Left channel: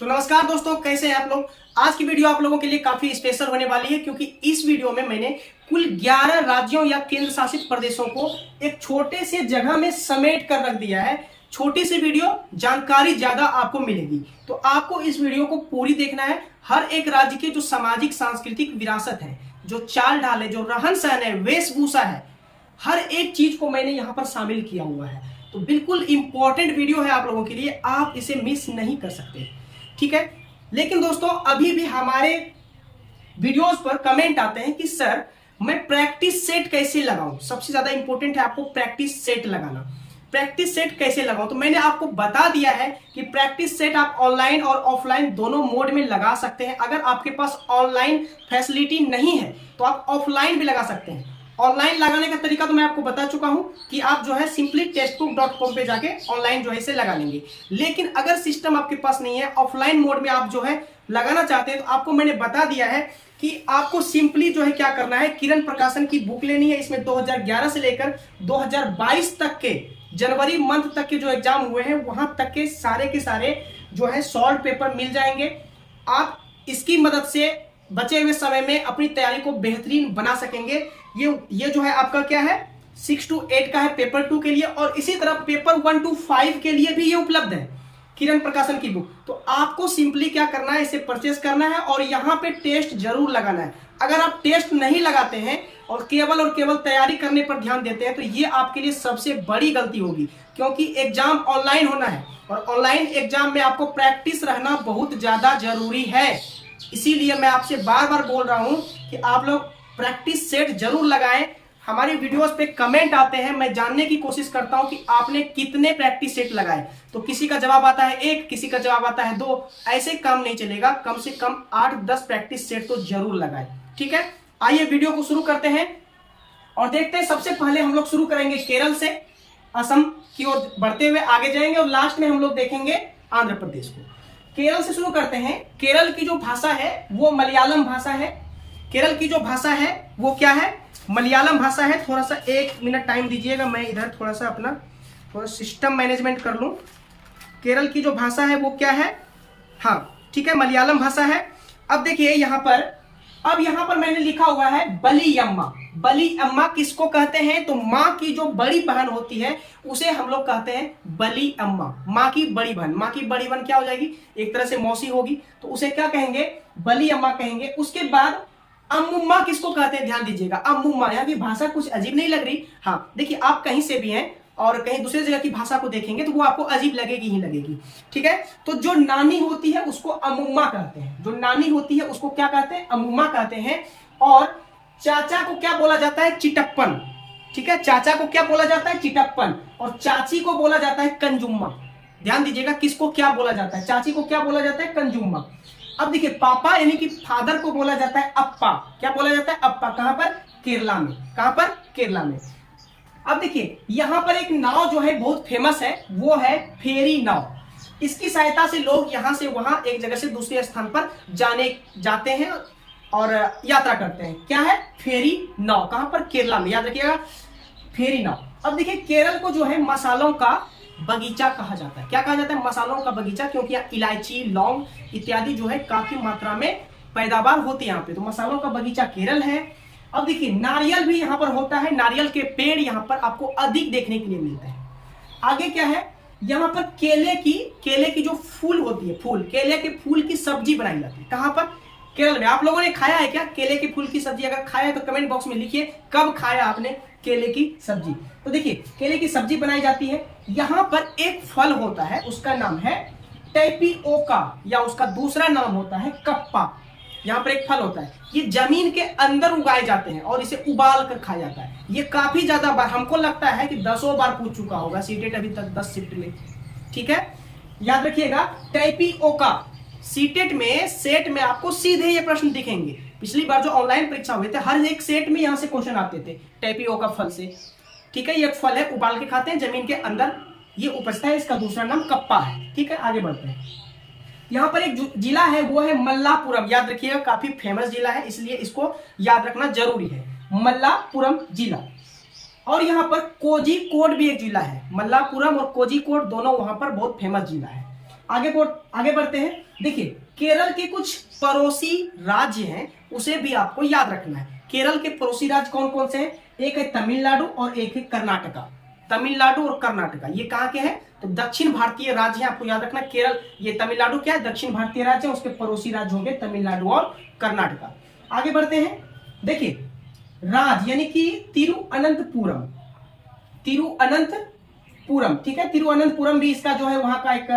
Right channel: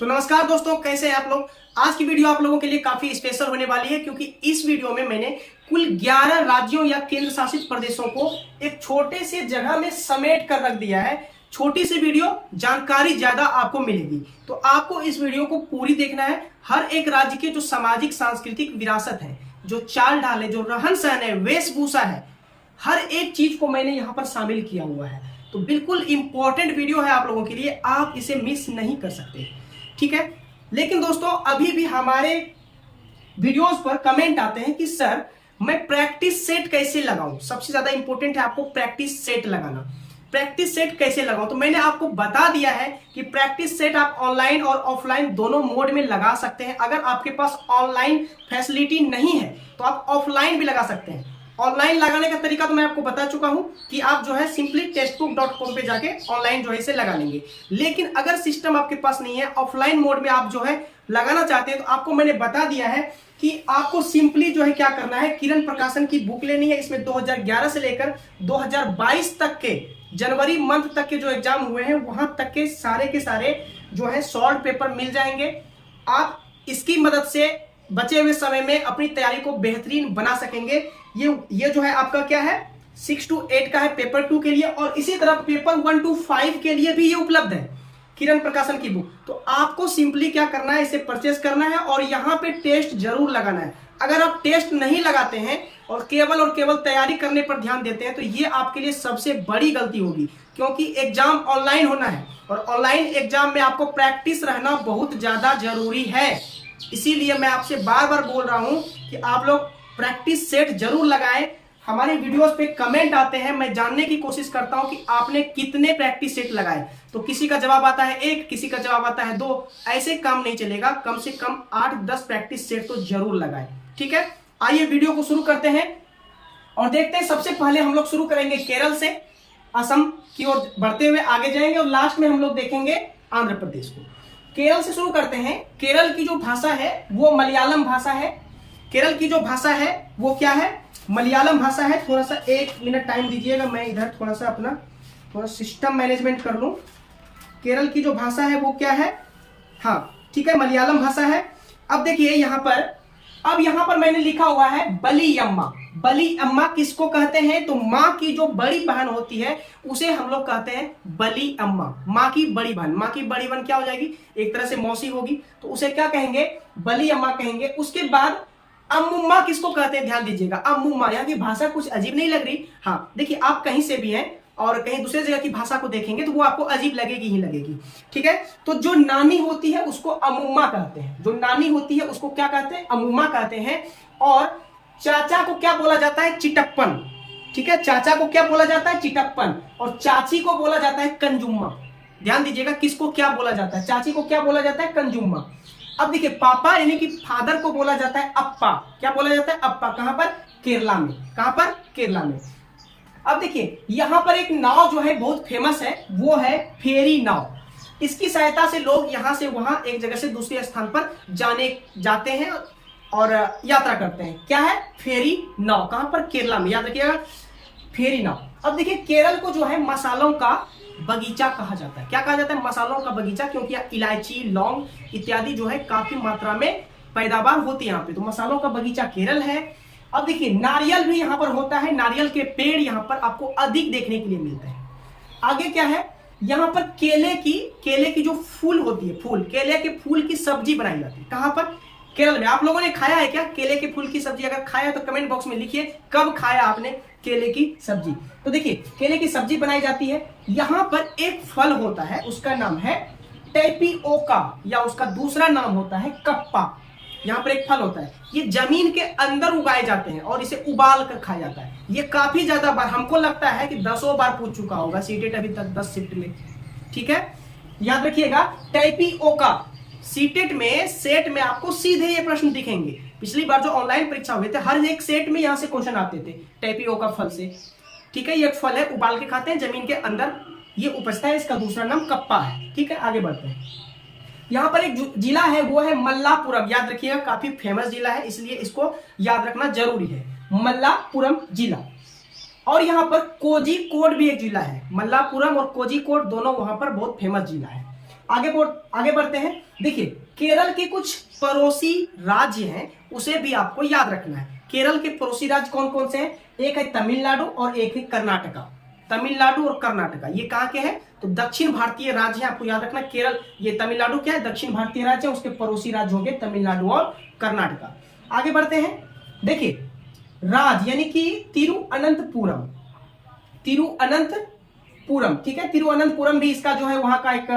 तो नमस्कार दोस्तों, कैसे हैं आप लोग। आज की वीडियो आप लोगों के लिए काफी स्पेशल होने वाली है क्योंकि इस वीडियो में मैंने कुल 11 राज्यों या केंद्र शासित प्रदेशों को एक छोटे से जगह में समेट कर रख दिया है। छोटी सी वीडियो, जानकारी ज्यादा आपको मिलेगी, तो आपको इस वीडियो को पूरी देखना है। हर एक राज्य के जो सामाजिक सांस्कृतिक विरासत है, जो चाल ढाल है, जो रहन सहन है, वेशभूषा है, हर एक चीज को मैंने यहाँ पर शामिल किया हुआ है। तो बिल्कुल इंपॉर्टेंट वीडियो है आप लोगों के लिए, आप इसे मिस नहीं कर सकते, ठीक है। लेकिन दोस्तों, अभी भी हमारे वीडियोस पर कमेंट आते हैं कि सर मैं प्रैक्टिस सेट कैसे लगाऊं। सबसे ज्यादा इंपॉर्टेंट है आपको प्रैक्टिस सेट लगाना। प्रैक्टिस सेट कैसे लगाऊं, तो मैंने आपको बता दिया है कि प्रैक्टिस सेट आप ऑनलाइन और ऑफलाइन दोनों मोड में लगा सकते हैं। अगर आपके पास ऑनलाइन फैसिलिटी नहीं है तो आप ऑफलाइन भी लगा सकते हैं। ऑनलाइन लगाने का तरीका तो मैं आपको बता चुका हूं कि आप जो है सिंपली टेक्स्टबुक.com पे जाके ऑनलाइन जो है इसे लगा लेंगे। लेकिन अगर सिस्टम आपके पास नहीं है, ऑफलाइन मोड में आप जो है लगाना चाहते हैं, तो आपको मैंने बता दिया है कि आपको सिंपली जो है क्या करना है, किरण प्रकाशन की बुक लेनी है। इसमें 2011 से लेकर 2022 तक के जनवरी मंथ तक के जो एग्जाम हुए हैं वहां तक के सारे जो है सॉल्व पेपर मिल जाएंगे। आप इसकी मदद से बचे हुए समय में अपनी तैयारी को बेहतरीन बना सकेंगे। ये जो है आपका क्या है, 6 to 8 का है पेपर 2 के लिए, और इसी तरह पेपर 1 to 5 के लिए भी ये उपलब्ध है किरण प्रकाशन की बुक। तो आपको सिंपली क्या करना है, इसे परचेस करना है और यहाँ पे टेस्ट जरूर लगाना है। अगर आप टेस्ट नहीं लगाते हैं और केवल तैयारी करने पर ध्यान देते हैं तो ये आपके लिए सबसे बड़ी गलती होगी, क्योंकि एग्जाम ऑनलाइन होना है और ऑनलाइन एग्जाम में आपको प्रैक्टिस रहना बहुत ज्यादा जरूरी है। इसीलिए मैं आपसे बार बार बोल रहा हूं कि आप लोग प्रैक्टिस सेट जरूर लगाएं। हमारे वीडियोस पे कमेंट आते हैं, मैं जानने की कोशिश करता हूं कि आपने कितने प्रैक्टिस सेट लगाए। तो किसी का जवाब आता है 1, किसी का जवाब आता है 2। ऐसे काम नहीं चलेगा, कम से कम 8-10 प्रैक्टिस सेट तो जरूर लगाएं, ठीक है। आइए वीडियो को शुरू करते हैं और देखते हैं। सबसे पहले हम लोग शुरू करेंगे केरल से, असम की ओर बढ़ते हुए आगे जाएंगे और लास्ट में हम लोग देखेंगे आंध्र प्रदेश को। केरल से शुरू करते हैं। केरल की जो भाषा है वो मलयालम भाषा है। केरल की जो भाषा है वो क्या है, मलयालम भाषा है। थोड़ा सा 1 मिनट टाइम दीजिएगा, मैं इधर थोड़ा सा अपना सिस्टम मैनेजमेंट कर लूं। केरल की जो भाषा है वो क्या है, हाँ ठीक है, मलयालम भाषा है। अब देखिए यहाँ पर मैंने लिखा हुआ है बली अम्मा। बली अम्मा किसको कहते हैं, तो माँ की जो बड़ी बहन होती है उसे हम लोग कहते हैं बली अम्मा। माँ की बड़ी बहन, माँ की बड़ी बहन क्या हो जाएगी, एक तरह से मौसी होगी, तो उसे क्या कहेंगे, बली अम्मा कहेंगे। उसके बाद अम्मुम्मा किसको कहते हैं, ध्यान दीजिएगा, अम्मुम्मा। यहाँ की भाषा कुछ अजीब नहीं लग रही। हाँ देखिए, आप कहीं से भी हैं और कहीं दूसरे जगह की भाषा को देखेंगे तो वो आपको अजीब लगेगी ही लगेगी, ठीक है। तो जो नानी होती है उसको अम्मुम्मा कहते हैं। जो नानी होती है उसको क्या कहते हैं, अम्मुम्मा कहते हैं। और चाचा को क्या बोला जाता है, चिटप्पन, ठीक है। चाचा को क्या बोला जाता है, चिटप्पन। और चाची को बोला जाता है कंजुम्मा। ध्यान दीजिएगा, किसको क्या बोला जाता है, चाची को क्या बोला जाता है, कंजुम्मा। अब देखिए, पापा यानी कि फादर को बोला जाता है अप्पा। क्या बोला जाता है, अप्पा। कहां पर, केरला में। कहां पर, केरला में। अब देखिए, यहां पर एक नाव जो है बहुत फेमस है, वो है फेरी नाव। इसकी सहायता से लोग यहां से वहां, एक जगह से दूसरे स्थान पर जाते हैं और यात्रा करते हैं। क्या है, फेरी नाव। कहां पर, केरला में, याद रखिएगा, फेरी नाव। अब देखिए, केरल को जो है मसालों का बगीचा कहा जाता है। क्या कहा जाता है, मसालों का बगीचा, क्योंकि यहाँ इलायची, लौंग इत्यादि जो है काफी मात्रा में पैदावार होती है यहाँ पे, तो मसालों का बगीचा केरल है। अब देखिए, नारियल भी यहाँ पर होता है। नारियल के पेड़ यहाँ पर आपको अधिक देखने के लिए मिलते हैं। आगे क्या है, यहाँ पर केले की जो फूल होती है, केले के फूल की सब्जी बनाई जाती है। कहां पर, केरल में। आप लोगों ने खाया है क्या केले के फूल की सब्जी? अगर खाया है तो कमेंट बॉक्स में लिखिए कब खाया आपने केले की सब्जी। तो देखिए, केले की सब्जी बनाई जाती है। यहां पर एक फल होता है, उसका नाम है टेपिओका, या उसका दूसरा नाम होता है कप्पा। यहाँ पर एक फल होता है, ये जमीन के अंदर उगाए जाते हैं और इसे उबाल कर खाया जाता है। ये काफी ज्यादा बार, हमको लगता है कि 10 बार पूछ चुका होगा सीटेट अभी तक 10 शिफ्ट में, ठीक है। याद रखिएगा, टेपिओका। सीटेट में, सेट में आपको सीधे ये प्रश्न दिखेंगे। पिछली बार जो ऑनलाइन परीक्षा हुए थे, हर एक सेट में यहां से क्वेश्चन आते थे टेपिओका फल से, ठीक है। ये एक फल है, उबाल के खाते हैं, जमीन के अंदर ये उपजता है। इसका दूसरा नाम कप्पा है, ठीक है। आगे बढ़ते हैं। यहाँ पर एक जिला है, वो है मल्लापुरम। याद रखिएगा, काफी फेमस जिला है, इसलिए इसको याद रखना जरूरी है, मल्लापुरम जिला। और यहाँ पर कोझिकोड भी एक जिला है। मल्लापुरम और कोझिकोड दोनों वहां पर बहुत फेमस जिला है। आगे बढ़ते हैं। देखिए केरल के कुछ पड़ोसी राज्य हैं, उसे भी आपको याद रखना है। केरल के पड़ोसी राज्य कौन कौन से हैं? एक है तमिलनाडु और एक है कर्नाटका। तमिलनाडु और कर्नाटका ये कहाँ के हैं? तो दक्षिण भारतीय राज्य है, आपको याद रखना। केरल, ये तमिलनाडु क्या है? दक्षिण भारतीय राज्य है, उसके पड़ोसी राज्य होंगे तमिलनाडु और कर्नाटका। आगे बढ़ते हैं। देखिए राज्य यानी कि तिरुअनंतपुरम, ठीक है। तिरुअनंतपुरम भी इसका जो है वहां का एक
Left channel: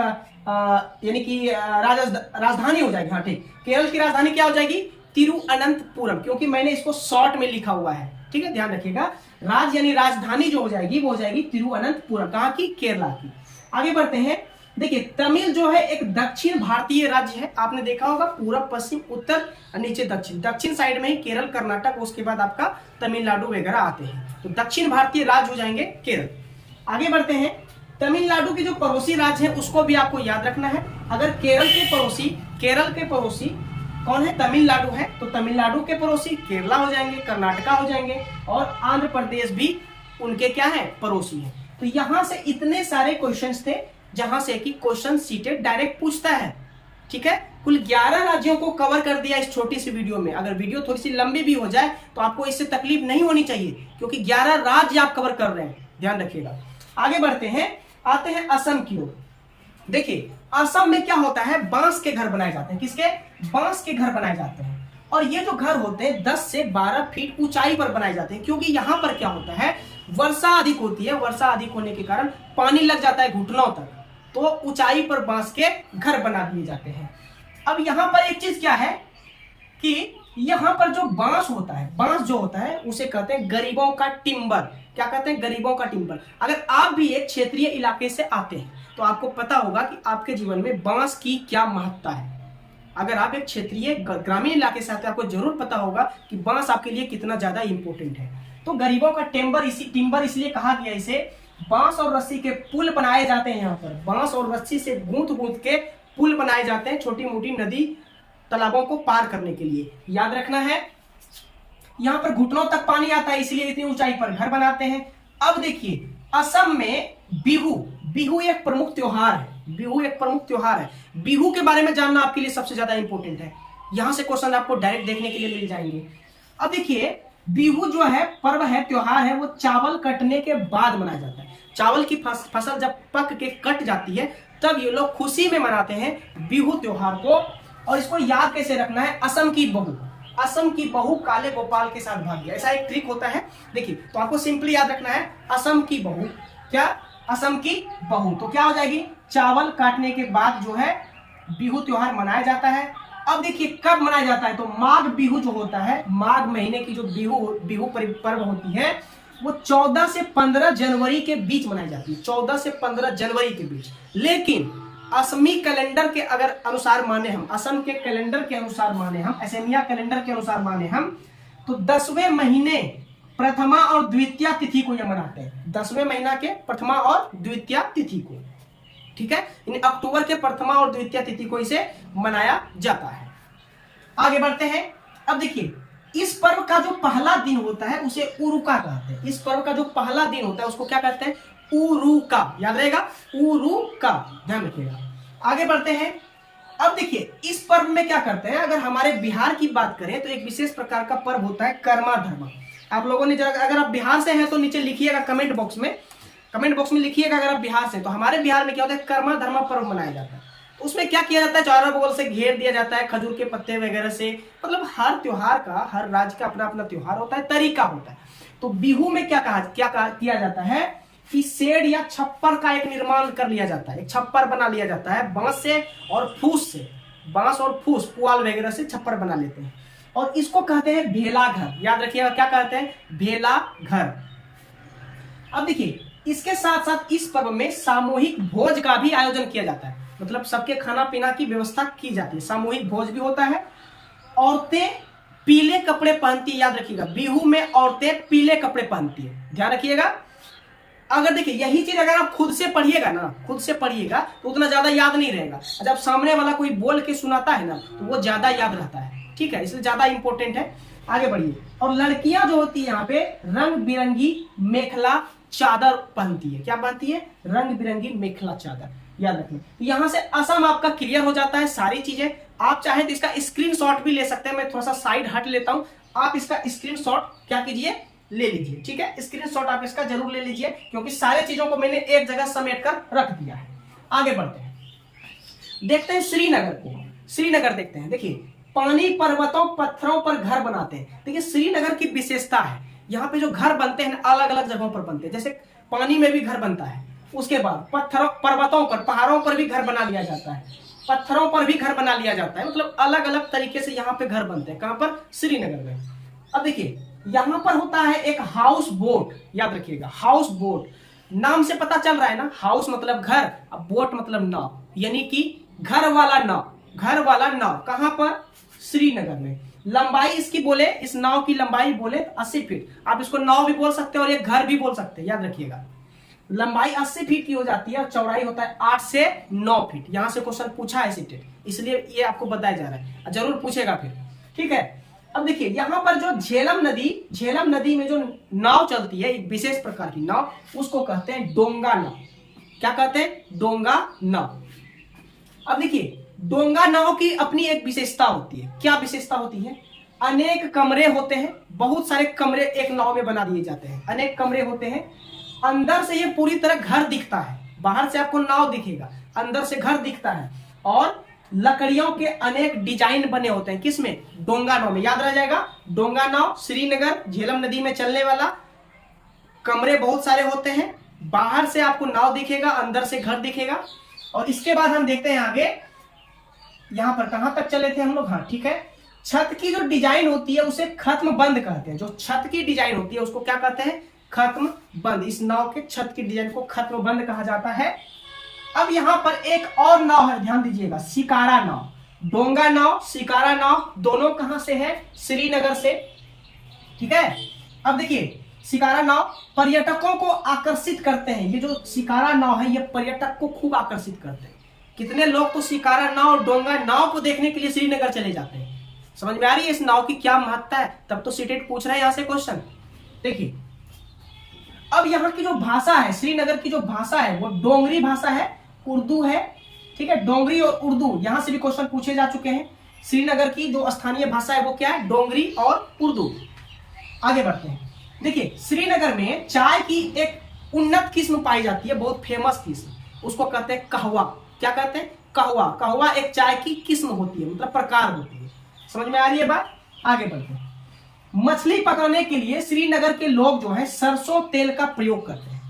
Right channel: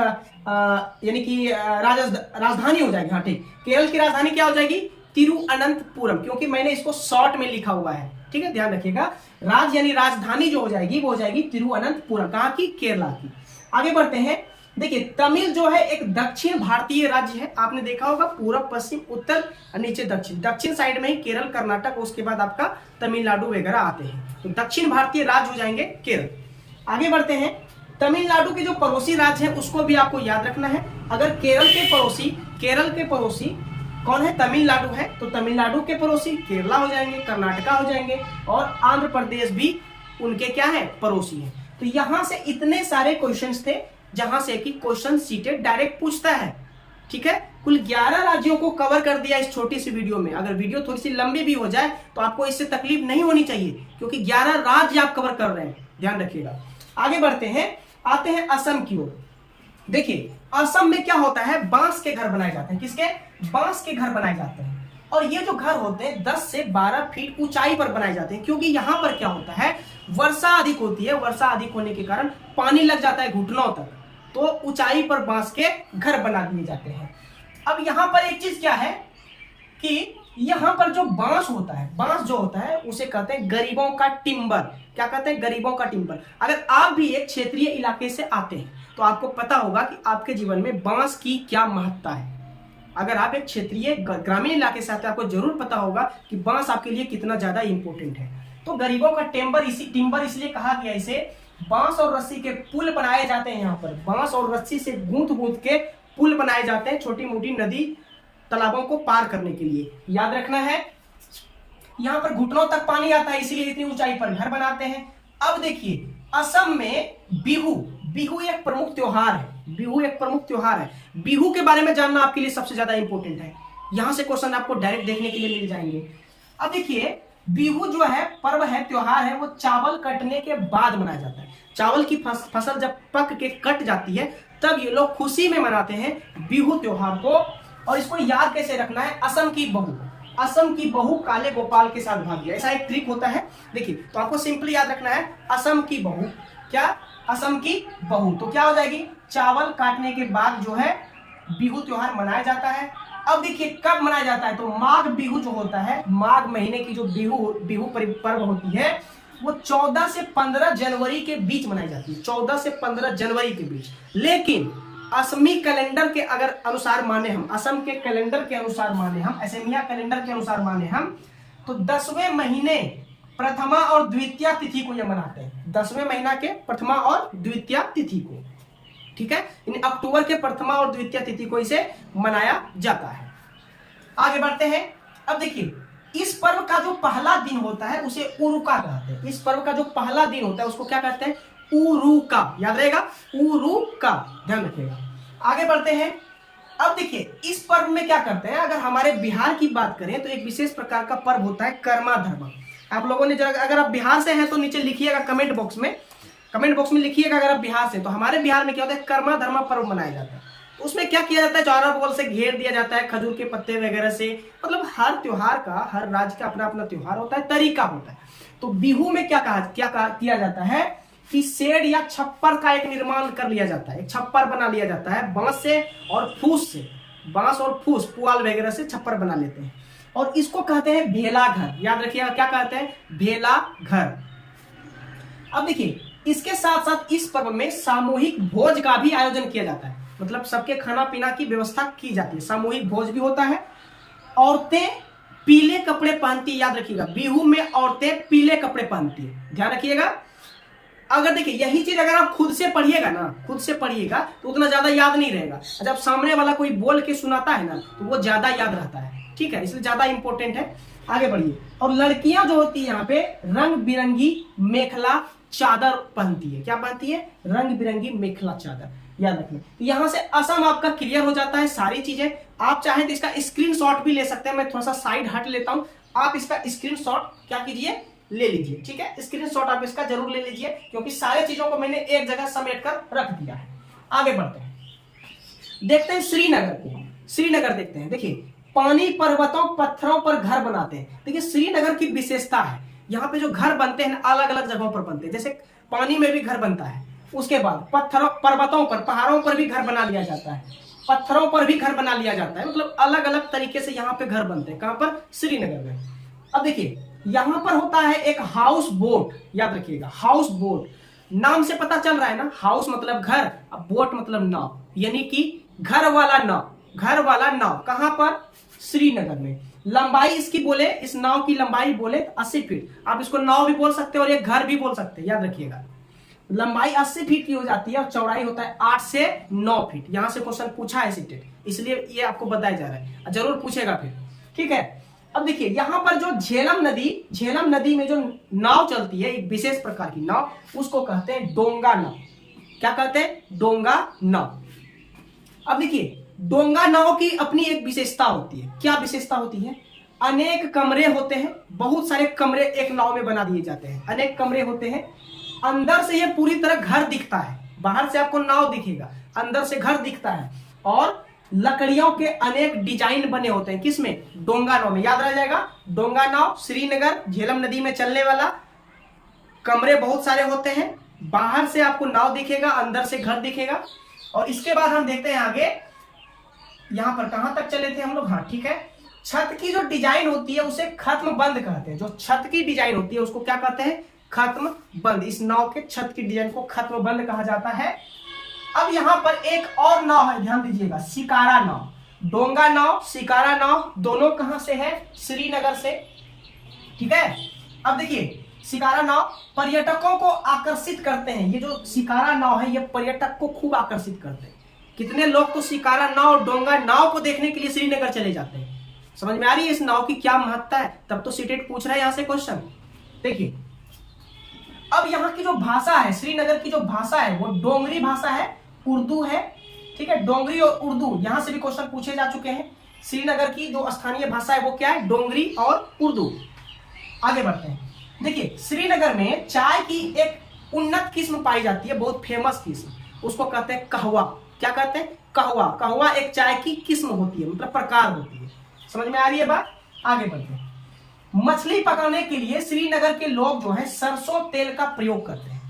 यानी कि राजधानी हो जाएगी। हाँ ठीक, केरल की राजधानी क्या हो जाएगी? तिरुअनंतपुरम, क्योंकि मैंने इसको शॉर्ट में लिखा हुआ है, ठीक है, ध्यान रखिएगा। राज्य यानी राजधानी जो हो जाएगी वो हो जाएगी तिरुअनंतपुरम। कहाँ की? केरला की। आगे बढ़ते हैं। देखिए तमिल जो है एक दक्षिण भारतीय राज्य है, आपने देखा होगा पूरब, पश्चिम, उत्तर और नीचे दक्षिण। दक्षिण साइड में ही केरल, कर्नाटक, उसके बाद आपका तमिलनाडु वगैरह आते हैं, तो दक्षिण भारतीय राज्य हो जाएंगे केरल। आगे बढ़ते हैं। तमिलनाडु के जो पड़ोसी राज्य है उसको भी आपको याद रखना है। अगर केरल के पड़ोसी कौन है? तमिलनाडु है, तो तमिलनाडु के पड़ोसी केरला हो जाएंगे, कर्नाटका हो जाएंगे, और आंध्र प्रदेश भी उनके क्या है? पड़ोसी है। तो यहां से इतने सारे क्वेश्चंस थे जहां से कि क्वेश्चन सीटेड डायरेक्ट पूछता है, ठीक है। कुल 11 राज्यों को कवर कर दिया इस छोटी सी वीडियो में। अगर वीडियो थोड़ी सी लंबी भी हो जाए तो आपको इससे तकलीफ नहीं होनी चाहिए, क्योंकि 11 राज्य आप कवर कर रहे हैं, ध्यान रखिएगा। आगे बढ़ते हैं, आते हैं असम की ओर। देखिए असम में क्या होता है? बांस के घर बनाए जाते हैं। किसके? बांस के घर बनाए जाते हैं। और ये जो घर होते हैं 10 से 12 फीट ऊंचाई पर बनाए जाते हैं, क्योंकि यहां पर क्या होता है? वर्षा अधिक होती है। वर्षा अधिक होने के कारण पानी लग जाता है घुटनों तक, तो ऊंचाई पर बांस के घर बना दिए जाते हैं। अब यहां पर एक चीज क्या है कि यहां पर जो बांस होता है, बांस जो होता है उसे कहते हैं गरीबों का टिम्बर। क्या कहते हैं? गरीबों का टिम्बर। अगर आप भी एक क्षेत्रीय इलाके से आते हैं तो आपको पता होगा कि आपके जीवन में बांस की क्या महत्ता है। अगर आप एक क्षेत्रीय ग्रामीण इलाके से आते हैं, आपको जरूर पता होगा कि बांस आपके लिए कितना ज्यादा इंपॉर्टेंट है। तो गरीबों का टिम्बर इसलिए कहा गया इसे। बांस और रस्सी के पुल बनाए जाते हैं। यहाँ पर बांस और रस्सी से गूंथ के पुल बनाए जाते हैं, छोटी मोटी नदी तालाबों को पार करने के लिए। याद रखना है, यहाँ पर घुटनों तक पानी आता है, इसलिए इतनी ऊंचाई पर घर बनाते हैं। अब देखिए असम में बिहू एक प्रमुख त्योहार है। बिहू के बारे में जानना आपके लिए सबसे ज्यादा इंपॉर्टेंट है। यहां से क्वेश्चन आपको डायरेक्ट देखने के लिए मिल जाएंगे। अब देखिए बिहू जो है पर्व है, त्योहार है, वो चावल कटने के बाद मनाया जाता है। चावल की फसल जब पक के कट जाती है तब ये लोग खुशी में मनाते हैं बिहू त्योहार को। और इसको याद कैसे रखना है? असम की बहू काले गोपाल के साथ भाग गया, ऐसा एक ट्रिक होता है। देखिए तो आपको सिंपली याद रखना है असम की बहू। क्या? असम की बहू। तो क्या हो जाएगी? चावल काटने के बाद जो है बिहू त्योहार मनाया जाता है। अब देखिए कब मनाया जाता है? तो माघ बिहू जो होता है, माघ महीने की जो बिहू पर्व होती है, वो 14 से 15 जनवरी के बीच मनाई जाती है। 14 से 15 जनवरी के बीच। लेकिन असमी कैलेंडर के अगर अनुसार माने हम, असम के कैलेंडर के अनुसार माने हम, असमिया कैलेंडर के अनुसार माने हम, तो 10वें महीने प्रथमा और द्वितीय तिथि को यह मनाते हैं। 10वें महीना के प्रथमा और द्वितीय तिथि को, ठीक है। इन अक्टूबर के प्रथमा और द्वितीय तिथि को इसे मनाया जाता है। आगे बढ़ते हैं। अब देखिए इस पर्व का जो पहला दिन होता है उसे उरुका कहते हैं। इस पर्व का जो पहला दिन होता है उसको क्या कहते हैं? उरुका। याद रहेगा, उरुका, ध्यान रखिएगा। आगे बढ़ते हैं। अब देखिए इस पर्व में क्या करते हैं? अगर हमारे बिहार की बात करें तो एक विशेष प्रकार का पर्व होता है कर्मा धर्मा। आप लोगों ने अगर आप बिहार से हैं तो नीचे लिखिएगा कमेंट बॉक्स में लिखिएगा अगर आप बिहार से। तो हमारे बिहार में क्या होता है? कर्मा धर्मा पर्व मनाया जाता है। तो उसमें क्या किया जाता है? चारों बगल से घेर दिया जाता है खजूर के पत्ते वगैरह से। मतलब हर त्योहार का, हर राज्य का अपना अपना त्योहार होता है, तरीका होता है। तो बिहू में क्या किया जाता है कि शेड या छप्पर का एक निर्माण कर लिया जाता है। एक छप्पर बना लिया जाता है बांस से और फूस से। बांस और फूस, पुआल वगैरह से छप्पर बना लेते हैं और इसको कहते हैं भेला घर। याद रखिएगा क्या कहते हैं? भेला घर। अब देखिए इसके साथ साथ इस पर्व में सामूहिक भोज का भी आयोजन किया जाता है। मतलब सबके खाना पीना की व्यवस्था की जाती है, सामूहिक भोज भी होता है। औरतें पीले कपड़े पहनती है। याद रखिएगा बिहू में औरतें पीले कपड़े पहनती है, ध्यान रखिएगा। अगर देखिए यही चीज अगर आप खुद से पढ़िएगा तो उतना ज्यादा याद नहीं रहेगा। जब सामने वाला कोई बोल के सुनाता है ना तो वो ज्यादा याद रहता है, ठीक है, इसलिए ज्यादा इंपॉर्टेंट है। आगे बढ़िए। और लड़कियां जो होती है यहाँ पे रंग बिरंगी मेखला चादर पहनती है। क्या पहनती है? रंग बिरंगी मेखला चादर। याद रखिए। तो यहां से असम आपका क्लियर हो जाता है सारी चीजें। आप चाहें तो इसका स्क्रीनशॉट भी ले सकते हैं, मैं थोड़ा सा साइड हट लेता हूं, आप इसका स्क्रीनशॉट क्या कीजिए, ले लीजिए। ठीक है, स्क्रीनशॉट आप इसका जरूर ले लीजिए, क्योंकि सारी चीजों को मैंने एक जगह समेट कर रख दिया है। आगे बढ़ते हैं, देखते हैं श्रीनगर को। श्रीनगर देखते हैं, देखिए पानी, पर्वतों, पत्थरों पर घर बनाते हैं। देखिए श्रीनगर की विशेषता है, यहाँ पे जो घर बनते हैं अलग अलग जगहों पर बनते हैं, जैसे पानी में भी घर बनता है, उसके बाद पत्थरों, पर्वतों पर, पहाड़ों पर भी घर बना लिया जाता है, पत्थरों पर भी घर बना लिया जाता है, मतलब अलग अलग तरीके से यहाँ पे घर बनते हैं। कहां पर? श्रीनगर में। अब देखिए यहां पर होता है एक हाउस बोट, याद रखिएगा, हाउस बोट। नाम से पता चल रहा है ना, हाउस मतलब घर, अब बोट मतलब नाव, यानी कि घर वाला नाव, घर वाला नाव। कहां पर? श्रीनगर में। लंबाई इसकी बोले, इस नाव की लंबाई बोले 80 फीट। आप इसको नाव भी बोल सकते हैं और एक घर भी बोल सकते हैं, याद रखिएगा। लंबाई 80 फीट की हो जाती है और चौड़ाई होता है 8 से 9 फीट। यहां से क्वेश्चन पूछा है सीटेट, इसलिए ये आपको बताया जा रहा है, जरूर पूछेगा फिर। ठीक है, अब देखिए यहां पर जो झेलम नदी में जो नाव चलती है, एक विशेष प्रकार की नाव, उसको कहते हैं डोंगा नाव। क्या कहते हैं? डोंगा नाव। अब देखिए डोंगा नाव की अपनी एक विशेषता होती है। क्या विशेषता होती है? अनेक कमरे होते हैं, बहुत सारे कमरे एक नाव में बना दिए जाते हैं, अनेक कमरे होते हैं। अंदर से ये पूरी तरह घर दिखता है, बाहर से आपको नाव दिखेगा, अंदर से घर दिखता है, और लकड़ियों के अनेक डिजाइन बने होते हैं। किसमें? डोंगा नाव में। याद रह जाएगा, डोंगा नाव, श्रीनगर, झेलम नदी में चलने वाला, कमरे बहुत सारे होते हैं, बाहर से आपको नाव दिखेगा, अंदर से घर दिखेगा। और इसके बाद हम देखते हैं आगे, यहां पर कहां तक चले थे हम लोग? हाँ ठीक है, छत की जो डिजाइन होती है उसे खत्म बंद कहते हैं। जो छत की डिजाइन होती है उसको क्या कहते हैं? खत्म बंद। इस नाव के छत की डिजाइन को खत्म बंद कहा जाता है। अब यहां पर एक और नाव है, ध्यान दीजिएगा, शिकारा नाव। डोंगा नाव, शिकारा नाव, दोनों कहां से है? श्रीनगर से। ठीक है, अब देखिए शिकारा नाव पर्यटकों को आकर्षित करते हैं। ये जो शिकारा नाव है ये पर्यटक को खूब आकर्षित करते हैं। कितने लोग तो शिकारा नाव और डोंगा नाव को देखने के लिए श्रीनगर चले जाते हैं। समझ में आ रही है इस नाव की क्या महत्ता है? तब तो सीटेट पूछ रहा है यहां से क्वेश्चन। देखिए अब यहाँ की जो भाषा है, श्रीनगर की जो भाषा है वो डोंगरी भाषा है, उर्दू है। ठीक है, डोंगरी और उर्दू यहां से भी क्वेश्चन पूछे जा चुके हैं। श्रीनगर की जो स्थानीय भाषा है वो क्या है? डोंगरी और उर्दू। आगे बढ़ते हैं, देखिए श्रीनगर में चाय की एक उन्नत किस्म पाई जाती है, बहुत फेमस किस्म, उसको कहते हैं कहवा। क्या कहते हैं? कहवा। कहवा एक चाय की किस्म होती है, मतलब प्रकार होती है। समझ में आ रही है बात? आगे बढ़ते हैं, मछली पकाने के लिए श्रीनगर के लोग जो है सरसों तेल का प्रयोग करते हैं।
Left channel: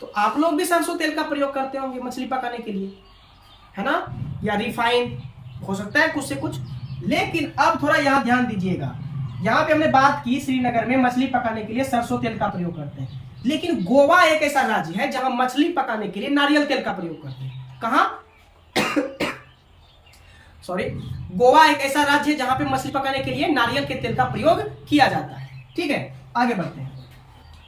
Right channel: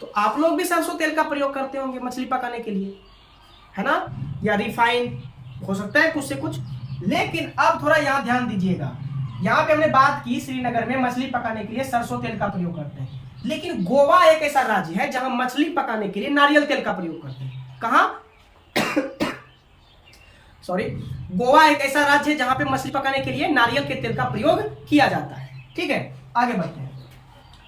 तो आप लोग भी सरसों तेल का प्रयोग करते होंगे मछली पकाने के लिए, है ना? या रिफाइन हो सकता है कुछ से कुछ। लेकिन अब थोड़ा यहां ध्यान दीजिएगा, यहां पे हमने बात की श्रीनगर में मछली पकाने के लिए सरसों तेल का प्रयोग करते हैं, लेकिन गोवा एक ऐसा राज्य है जहां मछली पकाने के लिए नारियल तेल का प्रयोग करते हैं। कहां? सॉरी, गोवा एक ऐसा राज्य है जहां पे मछली पकाने के लिए नारियल के तेल का प्रयोग किया जाता है। ठीक है, आगे बढ़ते हैं।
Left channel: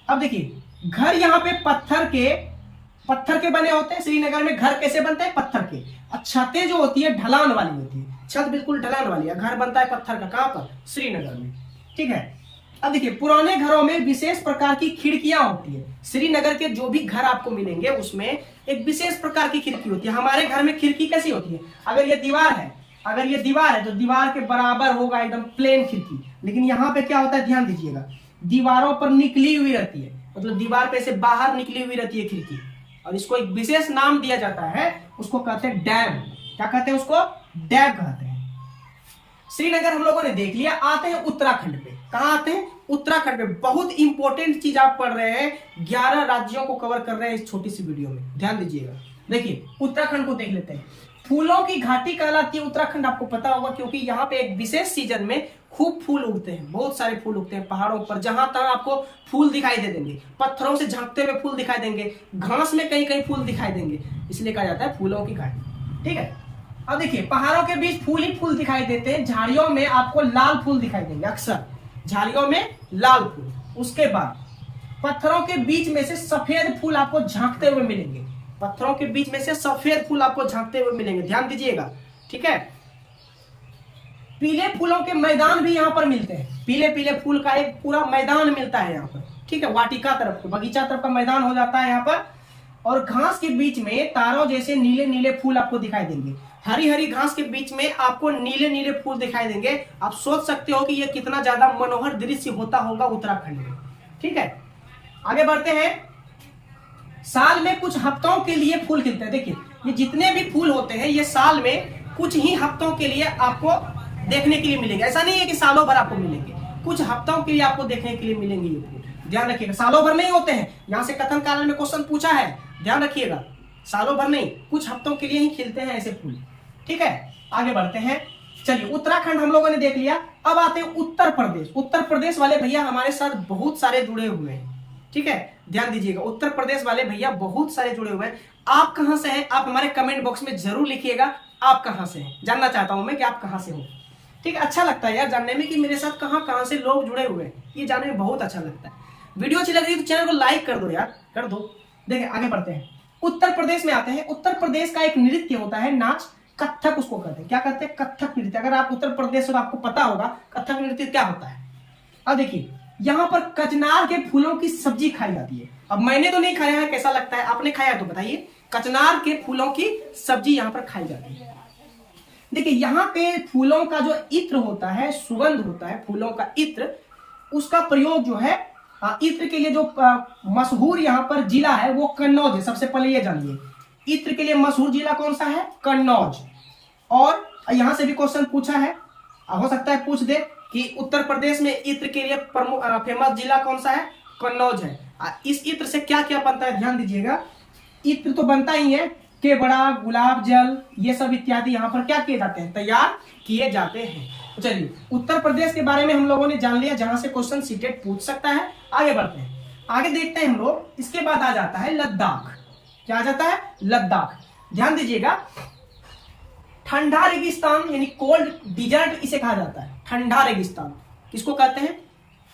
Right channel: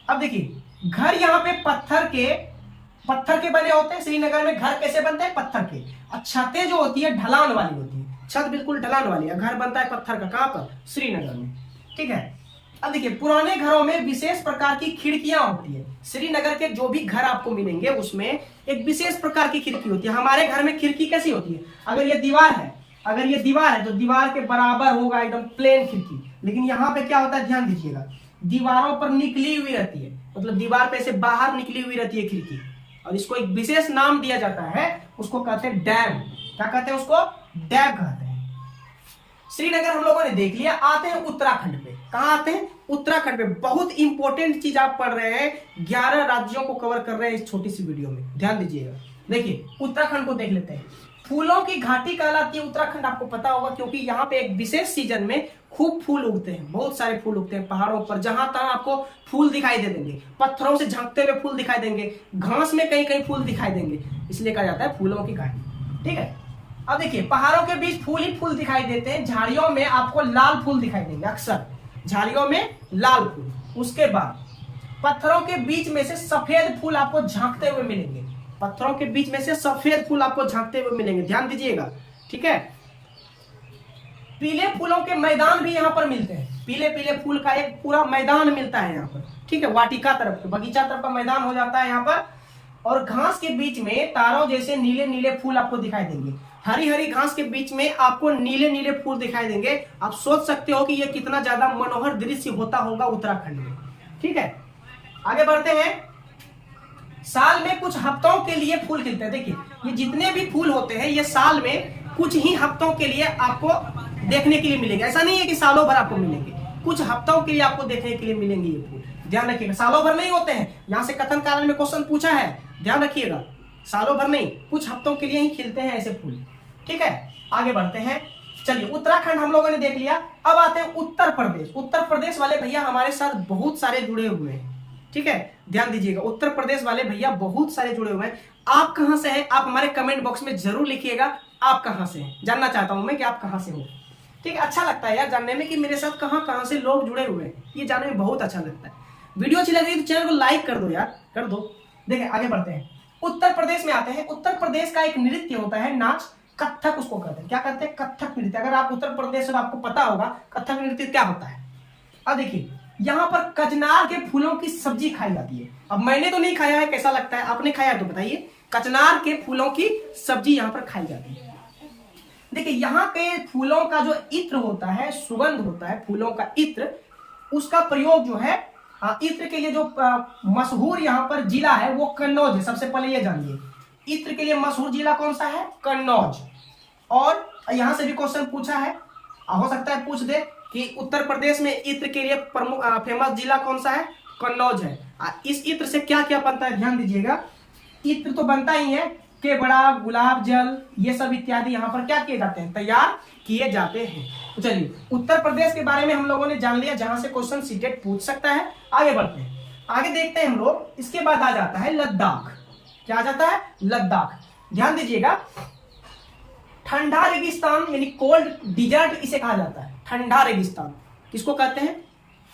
अब देखिए घर यहाँ पे पत्थर के बने होते हैं। श्रीनगर में घर कैसे बनते हैं? पत्थर के। और छतें जो होती है ढलान वाली होती है, छत बिल्कुल ढलान वाली है। घर बनता है पत्थर का। कहां पर? श्रीनगर में। ठीक है, अब देखिए पुराने घरों में विशेष प्रकार की खिड़कियां होती है। श्रीनगर के जो भी घर आपको मिलेंगे उसमें एक विशेष प्रकार की खिड़की होती है। हमारे घर में खिड़की कैसी होती है? अगर ये दीवार है, तो दीवार के बराबर होगा एकदम प्लेन खिड़की। लेकिन यहाँ पे क्या होता है? ध्यान दीजिएगा, दीवारों पर निकली हुई रहती है, मतलब दीवार पे से बाहर निकली हुई रहती है खिड़की, और इसको एक विशेष नाम दिया जाता है, उसको कहते हैं डैम। क्या कहते हैं उसको? डैम कहते हैं। श्रीनगर हम लोगों ने देख लिया। आते हैं उत्तराखंड पे। कहां आते हैं? उत्तराखंड पे। बहुत इंपॉर्टेंट चीज आप पढ़ रहे हैं, 11 राज्यों को कवर कर रहे हैं इस छोटी सी वीडियो में, ध्यान दीजिएगा। देखिए उत्तराखंड को देख लेते हैं। फूलों की घाटी कहलाती है उत्तराखंड, आपको पता होगा, क्योंकि यहाँ पे एक विशेष सीजन में खूब फूल उगते हैं, बहुत सारे फूल उगते हैं पहाड़ों पर। जहां तक आपको फूल दिखाई दे देंगे, पत्थरों से झांकते हुए फूल दिखाई देंगे, घास में कहीं कहीं फूल दिखाई देंगे, इसलिए कहा जाता है फूलों की घाटी। ठीक है, अब देखिए पहाड़ों के बीच फूल ही फूल दिखाई देते हैं। झाड़ियों में आपको लाल फूल दिखाई देंगे, अक्सर झाड़ियों में लाल फूल। उसके बाद पत्थरों के बीच में से सफेद फूल आपको झांकते हुए मिलेंगे। पत्थरों के बीच में से सफेद फूल आपको झांकते हुए मिलेंगे, ध्यान दीजिएगा। ठीक है, पीले फूलों के मैदान भी यहाँ पर मिलते हैं। पीले पीले फूल का एक पूरा मैदान मिलता है यहाँ पर। ठीक है, वाटिका तरफ, बगीचा तरफ का मैदान हो जाता है यहाँ पर। और घास के बीच में तारों जैसे नीले नीले फूल आपको दिखाई देंगे। हरी हरी घास के बीच में आपको नीले नीले फूल दिखाई देंगे। आप सोच सकते हो कि यह कितना ज्यादा मनोहर दृश्य होता होगा उत्तराखंड में। ठीक है, आगे बढ़ते हैं। साल में कुछ हफ्तों के लिए फूल खिलते हैं। देखिए ये जितने भी फूल होते हैं ये साल में कुछ ही हफ्तों के लिए आपको देखने के लिए मिलेंगे। ऐसा नहीं है कि सालों भर आपको मिलेंगे, कुछ हफ्तों के लिए आपको देखने के लिए मिलेंगे ये फूल। ध्यान रखिएगा, सालों भर नहीं होते हैं। यहां से कथन कारण में क्वेश्चन पूछा है, ध्यान रखिएगा, सालों भर नहीं, कुछ हफ्तों के लिए ही खिलते हैं ऐसे फूल। ठीक है, आगे बढ़ते हैं। चलिए उत्तराखंड हम लोगों ने देख लिया। अब आते हैं उत्तर प्रदेश। उत्तर प्रदेश वाले भैया हमारे साथ बहुत सारे जुड़े हुए हैं। ठीक है, ध्यान दीजिएगा, उत्तर प्रदेश वाले भैया बहुत सारे जुड़े हुए हैं। आप कहां से हैं, आप हमारे कमेंट बॉक्स में जरूर लिखिएगा आप कहां से हैं। जानना चाहता हूं मैं कि आप कहां से हो। ठीक है, अच्छा लगता है यार जानने में कि मेरे साथ कहां कहां से लोग जुड़े हुए हैं, ये जानने में बहुत अच्छा लगता है। वीडियो अच्छी लग रही है तो चैनल को लाइक कर दो यार, कर दो। देखिए आगे बढ़ते हैं, उत्तर प्रदेश में आते हैं। उत्तर प्रदेश का एक नृत्य होता है, नाच, कथक उसको कहते हैं। क्या कहते हैं? कथक नृत्य। अगर आप उत्तर प्रदेश से तो आपको पता होगा कथक नृत्य क्या होता है। अब देखिए यहाँ पर कचनार के फूलों की सब्जी खाई जाती है। अब मैंने तो नहीं खाया है, कैसा लगता है? आपने खाया है तो बताइए। कचनार के फूलों की सब्जी यहाँ पर खाई जाती है। देखिए यहाँ पे फूलों का जो इत्र होता है, सुगंध होता है फूलों का इत्र, उसका प्रयोग जो है इत्र के लिए जो मशहूर यहाँ पर जिला है वो कन्नौज है। सबसे पहले ये जानिए, इत्र के लिए मशहूर जिला कौन सा है? कन्नौज। और यहां से भी क्वेश्चन पूछा है, हो सकता है पूछ दे कि उत्तर प्रदेश में इत्र के लिए प्रमुख फेमस जिला कौन सा है? कन्नौज है। इस इत्र से क्या क्या बनता है ध्यान दीजिएगा। इत्र तो बनता ही है, केवड़ा, गुलाब जल, ये सब इत्यादि यहाँ पर क्या किए जाते हैं? तैयार किए जाते हैं। तो चलिए उत्तर प्रदेश के बारे में हम लोगों ने जान लिया, जहां से क्वेश्चन सीटेट पूछ सकता है। आगे बढ़ते हैं, आगे देखते हैं हम लोग। इसके बाद आ जाता है लद्दाख। क्या आ जाता है? लद्दाख। ध्यान दीजिएगा, ठंडा रेगिस्तान यानी कोल्ड डिजर्ट इसे कहा जाता है। ठंडा रेगिस्तान किसको कहते हैं?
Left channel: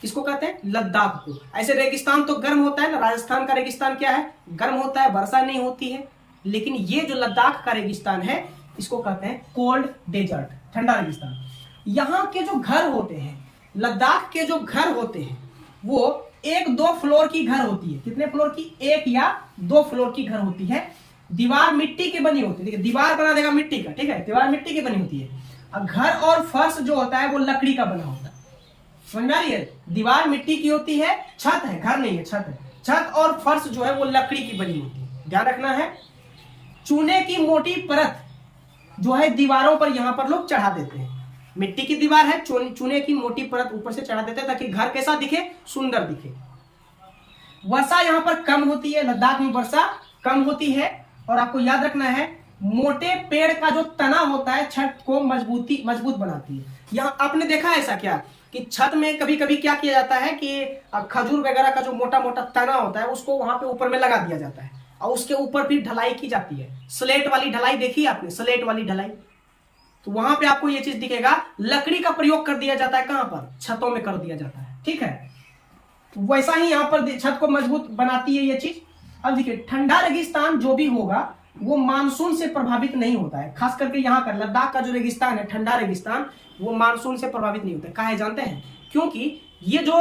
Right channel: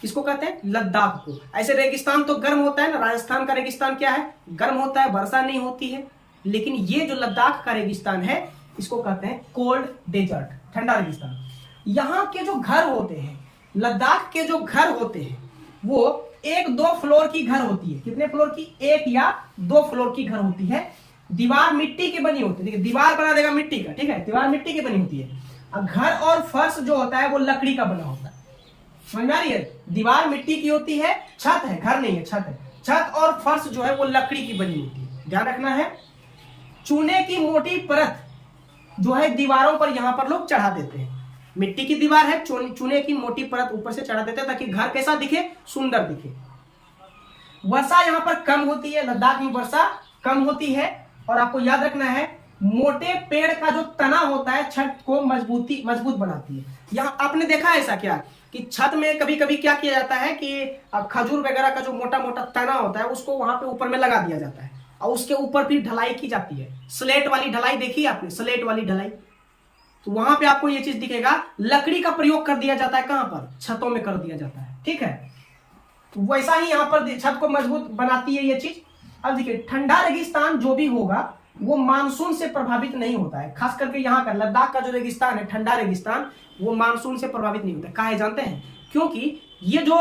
किसको कहते हैं? लद्दाख को। ऐसे रेगिस्तान तो गर्म होता है ना, राजस्थान का रेगिस्तान क्या है? गर्म होता है, वर्षा नहीं होती है। लेकिन ये जो लद्दाख का रेगिस्तान है इसको कहते हैं कोल्ड डेजर्ट, ठंडा रेगिस्तान। यहाँ के जो घर होते हैं, लद्दाख के जो घर होते हैं वो 1-2 फ्लोर की घर होती है। कितने फ्लोर की? 1 या 2 फ्लोर की घर होती है। दीवार मिट्टी की बनी होती है। देखिए दीवार बना देगा मिट्टी का, ठीक है, दीवार मिट्टी की बनी होती है। और घर और फर्श जो होता है वो लकड़ी का बना होता है। समझ में आ रही है? दीवार मिट्टी की होती है, छत है, घर नहीं है, छत है। छत और फर्श जो है वो लकड़ी की बनी होती है, ध्यान रखना है। चूने की मोटी परत जो है दीवारों पर यहाँ पर लोग चढ़ा देते हैं। मिट्टी की दीवार है, चूने की मोटी परत ऊपर से चढ़ा देते हैं ताकि घर कैसा दिखे? सुंदर दिखे। वर्षा यहाँ पर कम होती है, लद्दाख में वर्षा कम होती है। और आपको याद रखना है, मोटे पेड़ का जो तना होता है छत को मजबूत बनाती है। यहाँ आपने देखा है ऐसा क्या कि छत में कभी कभी क्या किया जाता है कि खजूर वगैरह का जो मोटा मोटा तना होता है उसको वहां पे ऊपर में लगा दिया जाता है और उसके ऊपर फिर ढलाई की जाती है। स्लेट वाली ढलाई देखी आपने? स्लेट वाली ढलाई, तो वहां पे आपको ये चीज दिखेगा। लकड़ी का प्रयोग कर दिया जाता है, कहां पर? छतों में कर दिया जाता है। ठीक है, तो वैसा ही यहाँ पर छत को मजबूत बनाती है ये चीज। अब देखिए ठंडा रेगिस्तान जो भी होगा वो मानसून से प्रभावित नहीं होता है। खास करके यहाँ का लद्दाख का जो रेगिस्तान है, ठंडा रेगिस्तान, वो मानसून से प्रभावित नहीं होता है। काहे जानते हैं? क्योंकि ये जो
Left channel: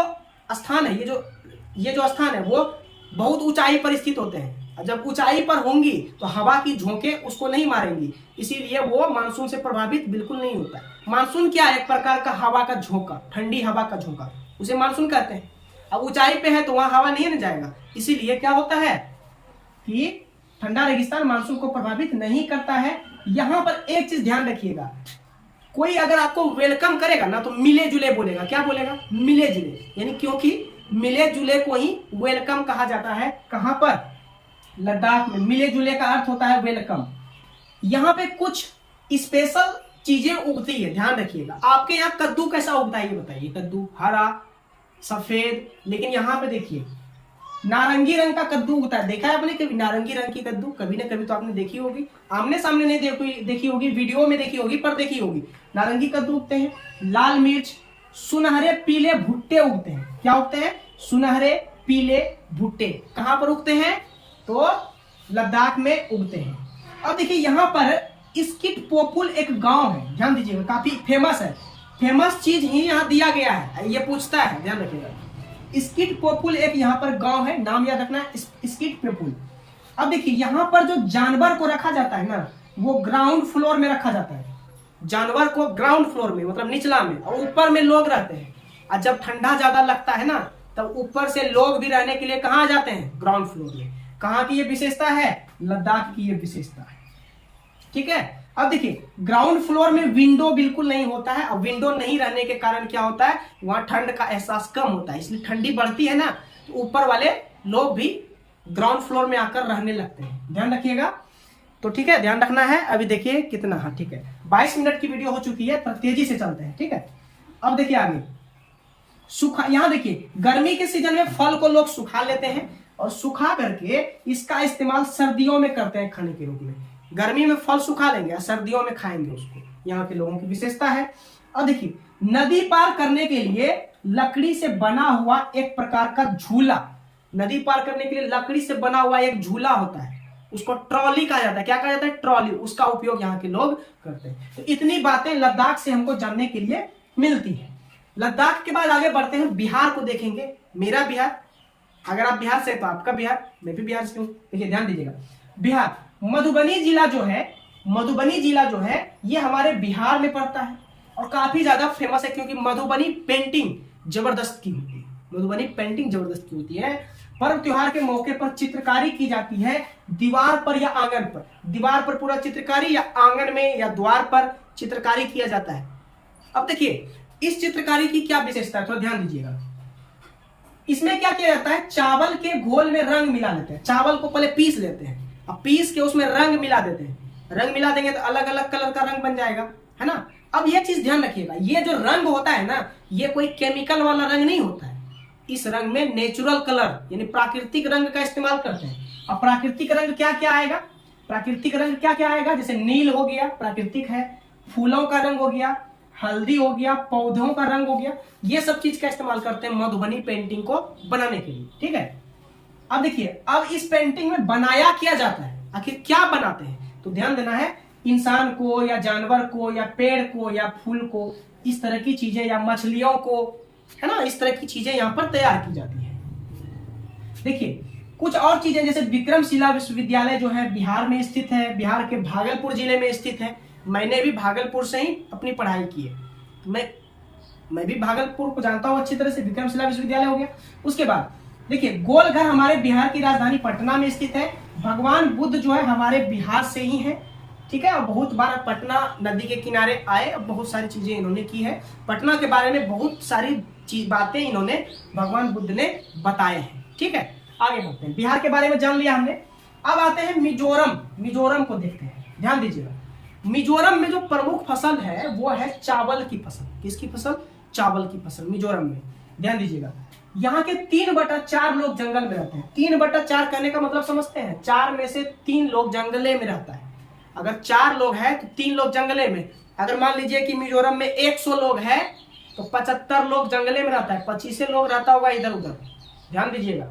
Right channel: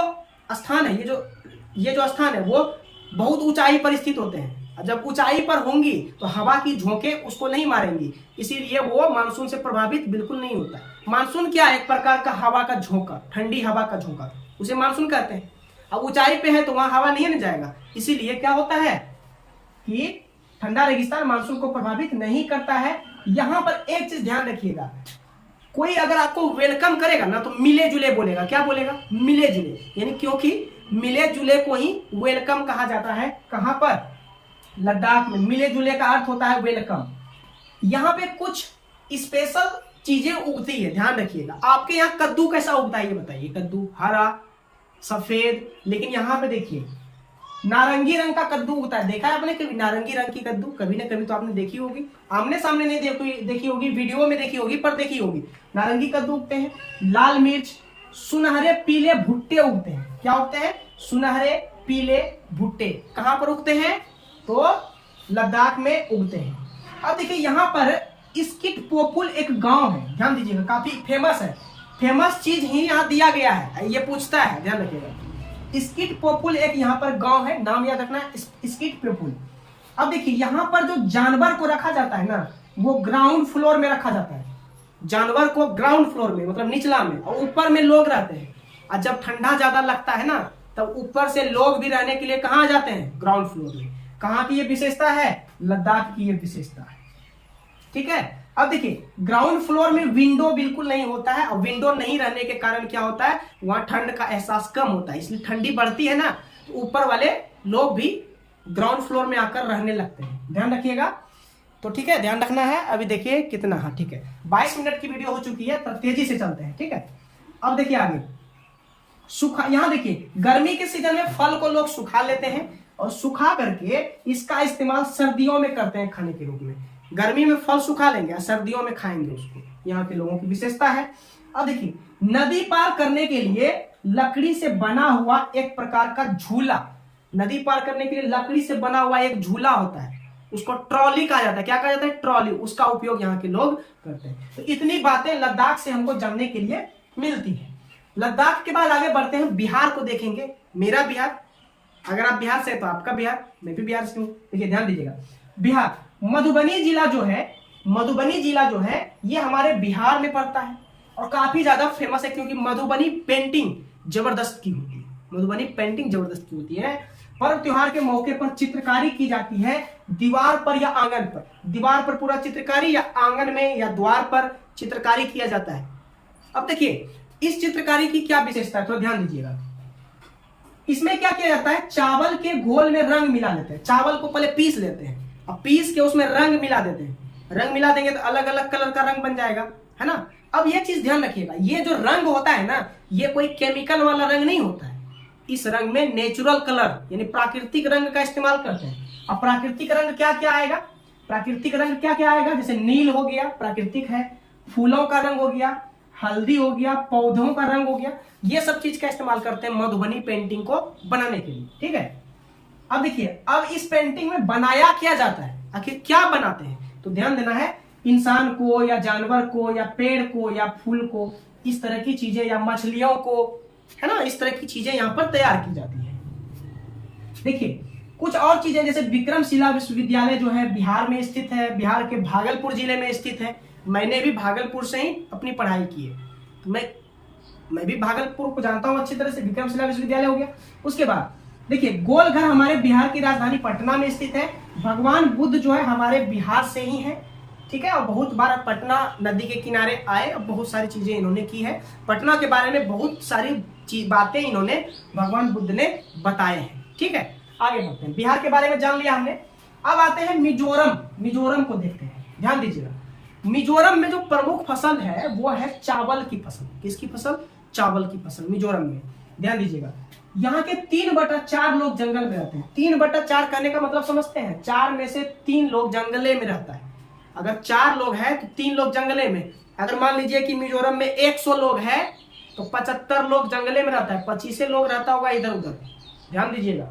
स्थान है, ये जो स्थान है वो बहुत ऊंचाई पर स्थित होते हैं। जब ऊंचाई पर होंगी तो हवा की झोंके उसको नहीं मारेंगी, इसीलिए वो मानसून से प्रभावित बिल्कुल नहीं होता है। मानसून क्या है? एक प्रकार का हवा का झोंका, ठंडी हवा का झोंका, उसे मानसून कहते हैं। अब ऊंचाई पे है तो वहां हवा नहीं न जाएगा, इसीलिए क्या होता है कि ठंडा रेगिस्तान मानसून को प्रभावित नहीं करता है। यहां पर एक चीज ध्यान रखिएगा, कोई अगर आपको वेलकम करेगा ना तो मिले जुले बोलेगा। क्या बोलेगा? मिले जुले, यानी क्योंकि मिले जुले को ही वेलकम कहा जाता है। कहां पर? लद्दाख में। मिले जुले का अर्थ होता है वेलकम। यहाँ पे कुछ स्पेशल चीजें उगती है, ध्यान रखिएगा। आपके यहाँ कद्दू कैसा उगता है ये बताइए? कद्दू हरा, सफेद, लेकिन यहाँ पे देखिए नारंगी रंग का कद्दू उगता है। देखा है आपने कभी नारंगी रंग की कद्दू? कभी ना कभी तो आपने देखी होगी, आमने सामने नहीं देखी होगी, वीडियो में देखी होगी, पर देखी होगी। नारंगी कद्दू उगते हैं। लाल मिर्च, सुनहरे पीले भुट्टे उगते हैं। क्या उगते हैं? सुनहरे पीले भुट्टे। कहां पर उगते हैं? तो लद्दाख में उगते हैं। अब देखिए यहाँ पर स्किट पोपुल एक गांव है, ध्यान दीजिएगा, काफी फेमस है। फेमस चीज ही यहाँ दिया गया है, ये पूछता है, ध्यान रखिएगा। स्किट पोपुल एक यहाँ पर गांव है, नाम याद रखना है, स्किट पोपुल। अब देखिए यहाँ पर जो जानवर को रखा जाता है ना, वो ग्राउंड फ्लोर में रखा जाता है। जानवर को ग्राउंड फ्लोर में मतलब निचला में, और ऊपर में लोग रहते हैं। और जब ठंडा ज्यादा लगता है ना, तब ऊपर से लोग भी रहने के लिए कहाँ जाते हैं? ग्राउंड फ्लोर में। कहाँ की ये विशेषता है? लद्दाख की ये विशेषता है। ठीक है। अब देखिए ग्राउंड फ्लोर में विंडो बिल्कुल नहीं होता है, और विंडो नहीं रहने के कारण क्या होता है? वहां ठंड का एहसास कम होता है, इसलिए ठंडी बढ़ती है ना, तो ऊपर वाले लोग भी ग्राउंड फ्लोर में आकर रहने लगते हैं। ध्यान रखिएगा। तो ठीक है, ध्यान रखना है। अभी देखिए कितना है, ठीक है 22 मिनट की वीडियो हो चुकी है, तो तेजी से चलते हैं। ठीक है, अब देखिए आगे सूखा। यहाँ देखिए गर्मी के सीजन में फल को लोग सुखा लेते हैं, और सुखा करके इसका इस्तेमाल सर्दियों में करते हैं खाने के रूप में। गर्मी में फल सुखा लेंगे, सर्दियों में खाएंगे उसको। यहाँ के लोगों की विशेषता है। अब देखिए नदी पार करने के लिए लकड़ी से बना हुआ एक प्रकार का झूला, नदी पार करने के लिए लकड़ी से बना हुआ एक झूला होता है, उसको ट्रॉली कहा जाता है। क्या कहा जाता है? ट्रॉली। उसका उपयोग यहाँ के लोग करते हैं। तो इतनी बातें लद्दाख से हमको जानने के लिए मिलती है। लद्दाख के बाद आगे बढ़ते हैं, बिहार को देखेंगे। मेरा बिहार, अगर आप बिहार से तो आपका बिहार, मैं भी बिहार से हूं। देखिए ध्यान दीजिएगा, बिहार मधुबनी जिला जो है, मधुबनी जिला जो है ये हमारे बिहार में पड़ता है, और काफी ज्यादा फेमस है क्योंकि मधुबनी पेंटिंग जबरदस्त की होती है। मधुबनी पेंटिंग जबरदस्त की होती है। पर्व त्योहार के मौके पर चित्रकारी की जाती है, दीवार पर या आंगन पर। दीवार पर पूरा चित्रकारी, या आंगन में या द्वार पर चित्रकारी किया जाता है। अब देखिए इस चित्रकारी की क्या विशेषता है, थोड़ा ध्यान दीजिएगा। इसमें क्या किया जाता है? चावल के घोल में रंग मिला लेते हैं। चावल को पहले पीस लेते हैं, अब पीस के उसमें रंग मिला देते हैं। रंग मिला देंगे तो अलग अलग कलर का रंग बन जाएगा, है ना। अब ये चीज ध्यान रखिएगा, ये जो रंग होता है ना, ये कोई केमिकल वाला रंग नहीं होता है। इस रंग में नेचुरल कलर यानी प्राकृतिक रंग का इस्तेमाल करते हैं। अब प्राकृतिक रंग क्या क्या आएगा? प्राकृतिक रंग क्या क्या आएगा? जैसे नील हो गया, प्राकृतिक है। फूलों का रंग हो गया, हल्दी हो गया, पौधों का रंग हो गया। ये सब चीज का इस्तेमाल करते हैं मधुबनी पेंटिंग को बनाने के लिए। ठीक है। अब देखिए अब इस पेंटिंग में बनाया क्या जाता है, आखिर क्या बनाते हैं? तो ध्यान देना है, इंसान को या जानवर को या पेड़ को या फूल को, इस तरह की चीजें, या मछलियों को, है ना, इस तरह की चीजें यहाँ पर तैयार की जाती है। देखिए कुछ और चीजें, जैसे विक्रमशिला विश्वविद्यालय जो है बिहार में स्थित है, बिहार के भागलपुर जिले में स्थित है। मैंने भी भागलपुर से ही अपनी पढ़ाई की है, तो मैं भी भागलपुर को जानता हूँ अच्छी तरह से। विक्रमशिला विश्वविद्यालय हो गया। उसके बाद देखिए गोलघर हमारे बिहार की राजधानी पटना में स्थित है। भगवान बुद्ध जो है हमारे बिहार से ही है। ठीक है, और बहुत बार पटना नदी के किनारे आए, और बहुत सारी चीजें इन्होंने की है। पटना के बारे में बहुत सारी बातें इन्होंने भगवान बुद्ध ने बताए हैं। ठीक है, आगे बढ़ते हैं। बिहार के बारे में जान लिया हमने। अब आते हैं मिजोरम। मिजोरम को देखते हैं, ध्यान दीजिएगा। मिजोरम में जो प्रमुख फसल है वो है चावल की फसल। किसकी फसल? चावल की फसल मिजोरम में। ध्यान दीजिएगा, यहाँ के 3/4 लोग जंगल में रहते हैं। 3/4 कहने का मतलब समझते हैं, 4 में से 3 लोग जंगले में रहता है। अगर 4 लोग हैं तो 3 लोग जंगले में। अगर मान लीजिए कि मिजोरम में 100 लोग हैं तो 75 लोग जंगले में रहता है, 25 लोग रहता होगा इधर उधर। ध्यान दीजिएगा।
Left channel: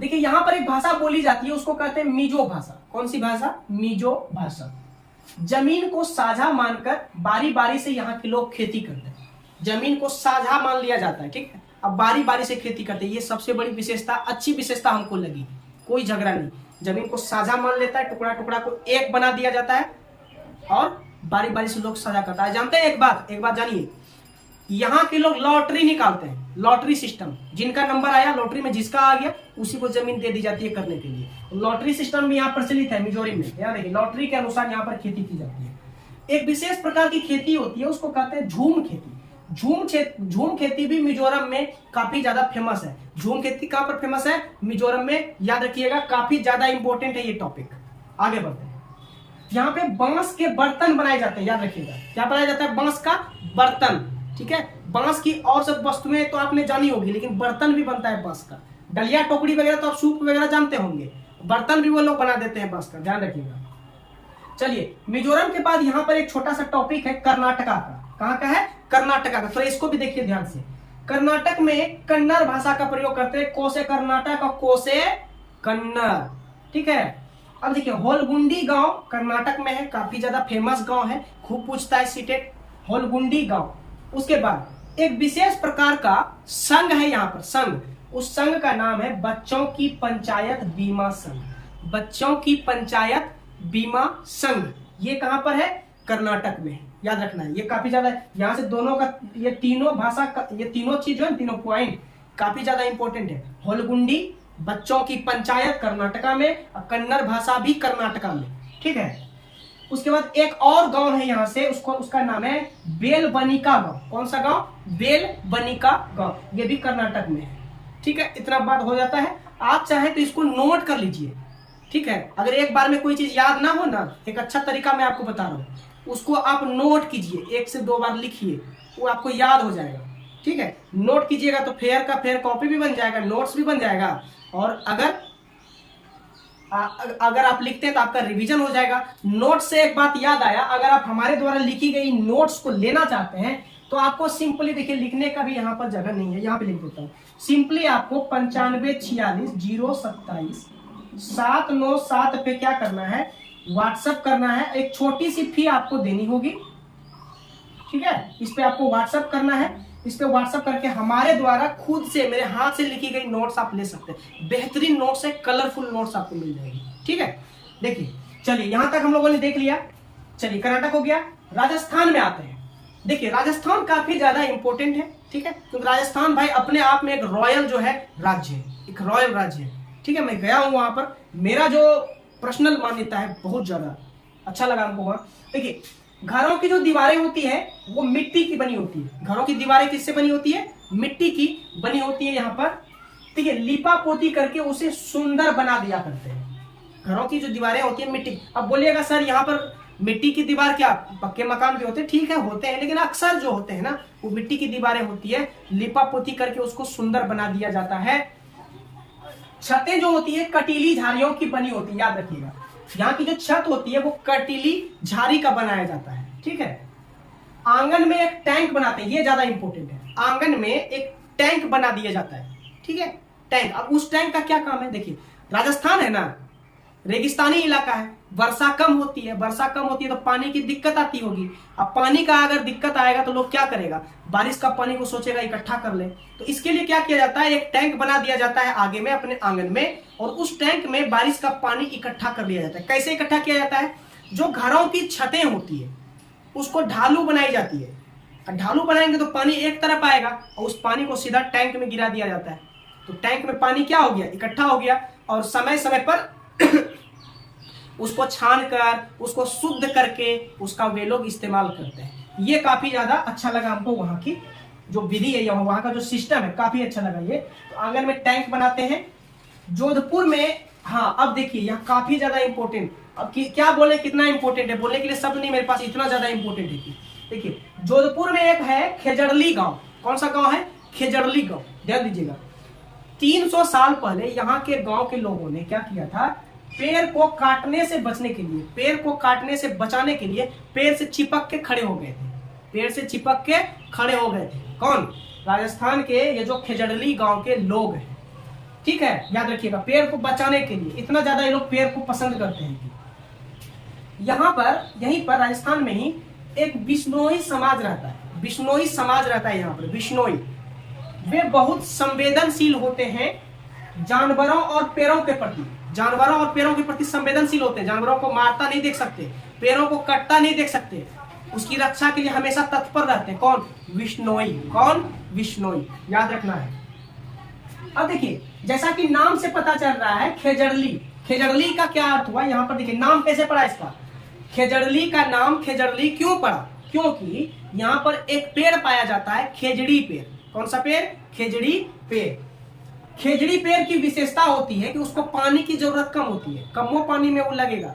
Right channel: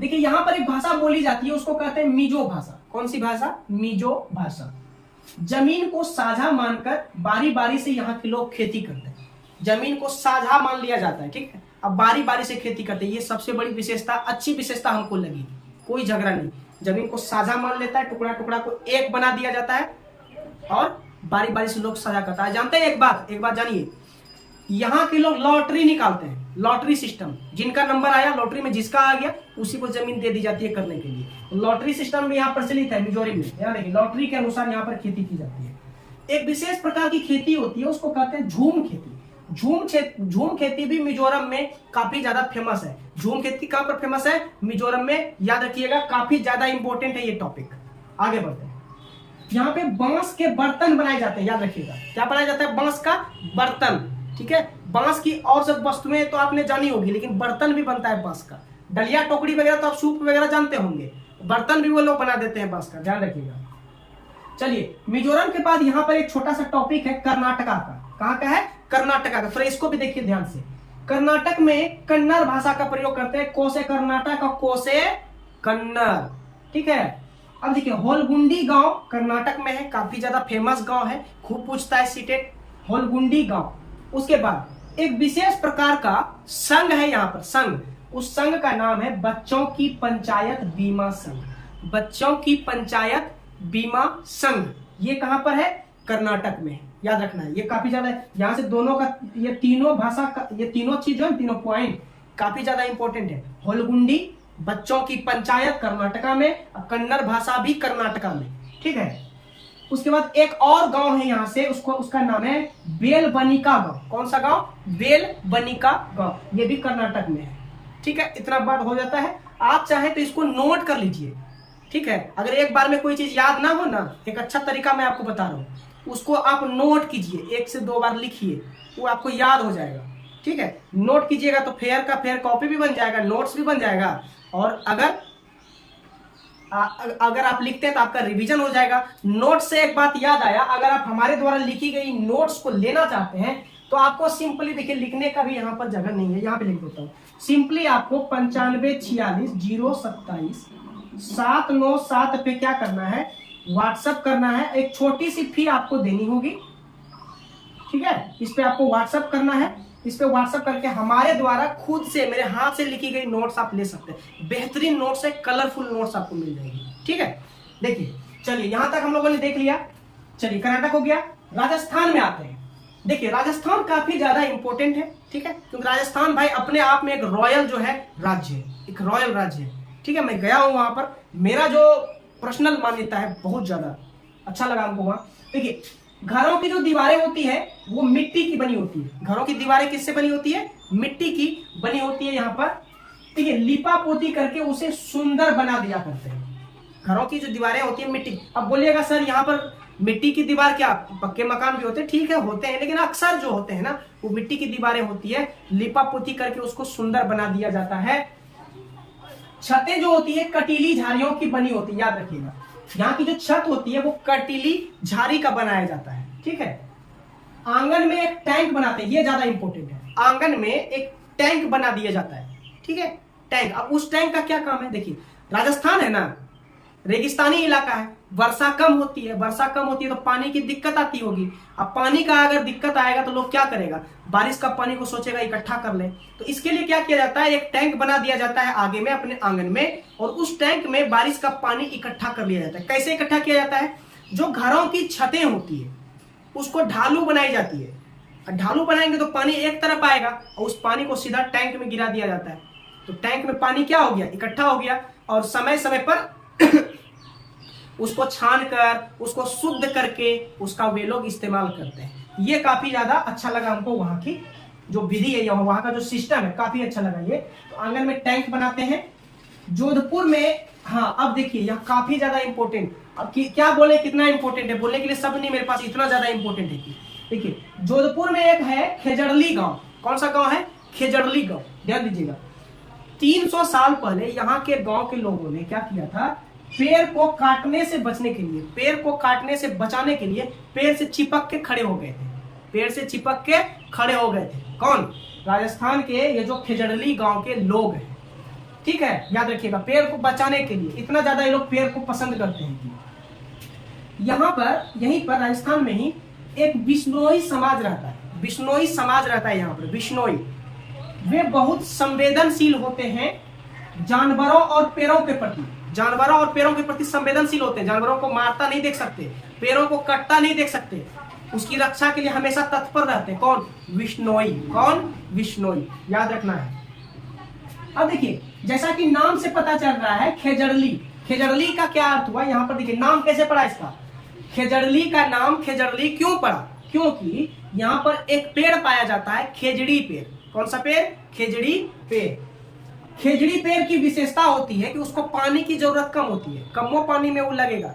देखिए यहाँ पर एक भाषा बोली जाती है, उसको कहते हैं मिजो भाषा। कौन सी भाषा? मिजो भाषा। जमीन को साझा मानकर बारी बारी से यहाँ के लोग खेती करते हैं। जमीन को साझा मान लिया जाता है। ठीक है, अब बारी बारी से खेती करते हैं। ये सबसे बड़ी विशेषता, अच्छी विशेषता हमको लगी। कोई झगड़ा नहीं, जमीन को साझा मान लेता है, टुकड़ा टुकड़ा को एक बना दिया जाता है, और बारी बारी से लोग साझा करता है। जानते हैं एक बात जानिए, यहाँ के लोग लॉटरी निकालते हैं। लॉटरी सिस्टम, जिनका नंबर आया लॉटरी में, जिसका आ गया उसी को जमीन दे दी जाती है करने के लिए। लॉटरी सिस्टम भी यहाँ प्रचलित है मिजोरम में। यहाँ देखिए लॉटरी के अनुसार यहाँ पर खेती की जाती है। एक विशेष प्रकार की खेती होती है, उसको कहते हैं झूम खेती। झूम खेती भी मिजोरम में काफी ज्यादा फेमस है। झूम खेती कहां पर फेमस है? मिजोरम में। याद रखिएगा, काफी ज्यादा इंपॉर्टेंट है ये टॉपिक। आगे बढ़ते हैं। यहाँ पे बांस के बर्तन बनाए जाते हैं। याद रखिएगा, क्या बनाया जाता है? बांस का बर्तन। ठीक है, बांस की और सब वस्तुएं तो आपने जानी होगी, लेकिन बर्तन भी बनता है बांस का। डलिया टोकरी वगैरह तो आप सूप वगैरह जानते होंगे, बर्तन भी वो लोग बना देते हैं बांस का। ध्यान रखिएगा। चलिए, मिजोरम के बाद यहाँ पर एक छोटा सा टॉपिक है कर्नाटका का। कहाँ का है? कर्नाटका का। तो इसको भी देखिए ध्यान से। कर्नाटक में कन्नड़ भाषा का प्रयोग करते हैं। कोसे कर्नाटक और कोसे कन्नड़। ठीक है, अब देखिए होलगुंडी गांव कर्नाटक में है, काफी ज्यादा फेमस गांव है, खूब पूछता है सीटेट, होलगुंडी गांव। उसके बाद एक विशेष प्रकार का संघ है यहाँ पर, संघ। उस संघ का नाम है बच्चों की पंचायत बीमा संघ। बच्चों की पंचायत बीमा संघ, ये कहां पर है? कर्नाटक में। याद रखना है, ये काफी ज्यादा यहां से दोनों का, ये तीनों भाषा का, ये तीनों चीज जो है, तीनों पॉइंट काफी ज्यादा इंपॉर्टेंट है। होलगुंडी बच्चों की पंचायत कर्नाटका में, कन्नड़ भाषा भी कर्नाटका में, ठीक है। उसके बाद एक और गांव है यहां से, उसका नाम है बेलबनिका गांव। कौन सा गांव? बेलबनिका गांव, ये भी कर्नाटक में है, ठीक है। इतना बात हो जाता है। आप चाहे तो इसको नोट कर लीजिए, ठीक है। अगर एक बार में कोई चीज याद ना हो ना, एक अच्छा तरीका मैं आपको बता रहा हूं, उसको आप नोट कीजिए, 1 से 2 बार लिखिए, वो आपको याद हो जाएगा, ठीक है। नोट कीजिएगा तो फेयर का फेयर कॉपी भी बन जाएगा, नोट्स भी बन जाएगा, और अगर आप लिखते हैं तो आपका रिवीजन हो जाएगा। नोट से एक बात याद आया, अगर आप हमारे द्वारा लिखी गई नोट्स को लेना चाहते हैं तो आपको सिंपली, देखिए लिखने का भी यहाँ पर जगह नहीं है, यहाँ पे लिख देता हूँ। सिंपली आपको 95460797 पे क्या करना है? व्हाट्सएप करना है। एक छोटी सी फी आपको देनी होगी, ठीक है। इस पे आपको व्हाट्सएप करना है। इस पे व्हाट्सएप करके हमारे द्वारा खुद से, मेरे हाथ से लिखी गई नोट्स आप ले सकते हैं। बेहतरीन नोट्स है, कलरफुल नोट्स आपको मिल जाएगी, ठीक है। देखिए, चलिए यहां तक हम लोगों ने देख लिया। चलिए कर्नाटक हो गया, राजस्थान में आते हैं। देखिए राजस्थान काफी ज्यादा इंपॉर्टेंट है, ठीक है, क्योंकि राजस्थान भाई अपने आप में एक रॉयल जो है राज्य है, एक रॉयल राज्य है, ठीक है। मैं गया हूं वहां पर, मेरा जो पर्सनल मान्यता है, बहुत ज्यादा अच्छा लगा हमको वहां। देखिए घरों की जो दीवारें होती है वो मिट्टी की बनी होती है। घरों की दीवारें किससे बनी होती है? मिट्टी की बनी होती है। यहाँ पर देखिए लिपा पोती करके उसे सुंदर बना दिया करते हैं। घरों की जो दीवारें होती है मिट्टी। अब बोलिएगा सर यहाँ पर मिट्टी की दीवार क्या, पक्के मकान भी होते हैं? ठीक है होते हैं, लेकिन अक्सर जो होते हैं ना वो मिट्टी की दीवारें होती है, लिपा पोती करके उसको सुंदर बना दिया जाता है। छतें जो होती है कटीली झाड़ियों की बनी होती है, याद रखिएगा। यहाँ की जो छत होती है वो कटीली झाड़ी का बनाया जाता है, ठीक है। आंगन में एक टैंक बनाते हैं, ये ज्यादा इंपॉर्टेंट है। आंगन में एक टैंक बना दिया जाता है, ठीक है, टैंक। अब उस टैंक का क्या काम है? देखिए राजस्थान है ना, रेगिस्तानी इलाका है, वर्षा कम होती है, वर्षा कम होती है तो पानी की दिक्कत आती होगी। अब पानी का अगर दिक्कत आएगा तो लोग क्या करेगा? बारिश का पानी को सोचेगा इकट्ठा कर ले। तो इसके लिए क्या किया जाता है? एक टैंक बना दिया जाता है आगे में, अपने आंगन में, और उस टैंक में बारिश का पानी इकट्ठा कर लिया जाता है। कैसे इकट्ठा किया जाता है? जो घरों की छतें होती है उसको ढालू बनाई जाती है। ढालू बनाएंगे तो पानी एक तरफ आएगा और उस पानी को सीधा टैंक में गिरा दिया जाता है। तो टैंक में पानी क्या हो गया? इकट्ठा हो गया, और समय समय पर उसको छान कर, उसको शुद्ध करके उसका वे लोग इस्तेमाल करते हैं। ये काफी ज्यादा अच्छा लगा हमको, वहां की जो विधि है, वहां का जो सिस्टम है काफी अच्छा लगा ये। तो आंगन में टैंक बनाते हैं। जोधपुर में, हाँ अब देखिए यहाँ काफी ज्यादा इंपॉर्टेंट, अब क्या बोले कितना इंपॉर्टेंट है, बोलने के लिए शब्द नहीं मेरे पास, इतना ज्यादा इंपॉर्टेंट है कि देखिए जोधपुर में एक है खेजड़ली गांव। कौन सा गांव है? खेजड़ली गांव। ध्यान दीजिएगा, 300 साल पहले यहाँ के गांव के लोगों ने क्या किया था? पेड़ को काटने से बचने के लिए, पेड़ को काटने से बचाने के लिए पेड़ से चिपक के खड़े हो गए थे। पेड़ से चिपक के खड़े हो गए थे। कौन? राजस्थान के ये जो खेजड़ली गांव के लोग हैं, ठीक है, याद रखिएगा। पेड़ को बचाने के लिए इतना ज्यादा ये लोग पेड़ को पसंद करते हैं। यहाँ पर, यहीं पर राजस्थान में ही एक बिश्नोई समाज रहता है। बिश्नोई समाज रहता है यहाँ पर, बिश्नोई। वे बहुत संवेदनशील होते हैं जानवरों और पेड़ों के प्रति। जानवरों और पेड़ों के प्रति संवेदनशील होते हैं। जानवरों को मारता नहीं देख सकते, पेड़ों को कटता नहीं देख सकते, उसकी रक्षा के लिए हमेशा तत्पर रहते हैं। कौन? बिश्नोई। कौन? बिश्नोई, याद रखना है। अब देखिए जैसा कि नाम से पता चल रहा है खेजड़ली, खेजड़ली का क्या अर्थ हुआ? यहाँ पर देखिए नाम कैसे पड़ा इसका। खेजड़ली का नाम खेजड़ली क्यों पड़ा? क्योंकि यहाँ पर एक पेड़ पाया जाता है, खेजड़ी पेड़। कौन सा पेड़? खेजड़ी पेड़। खेजड़ी पेड़ की विशेषता होती है कि उसको पानी की जरूरत कम होती है, कम पानी में वो लगेगा,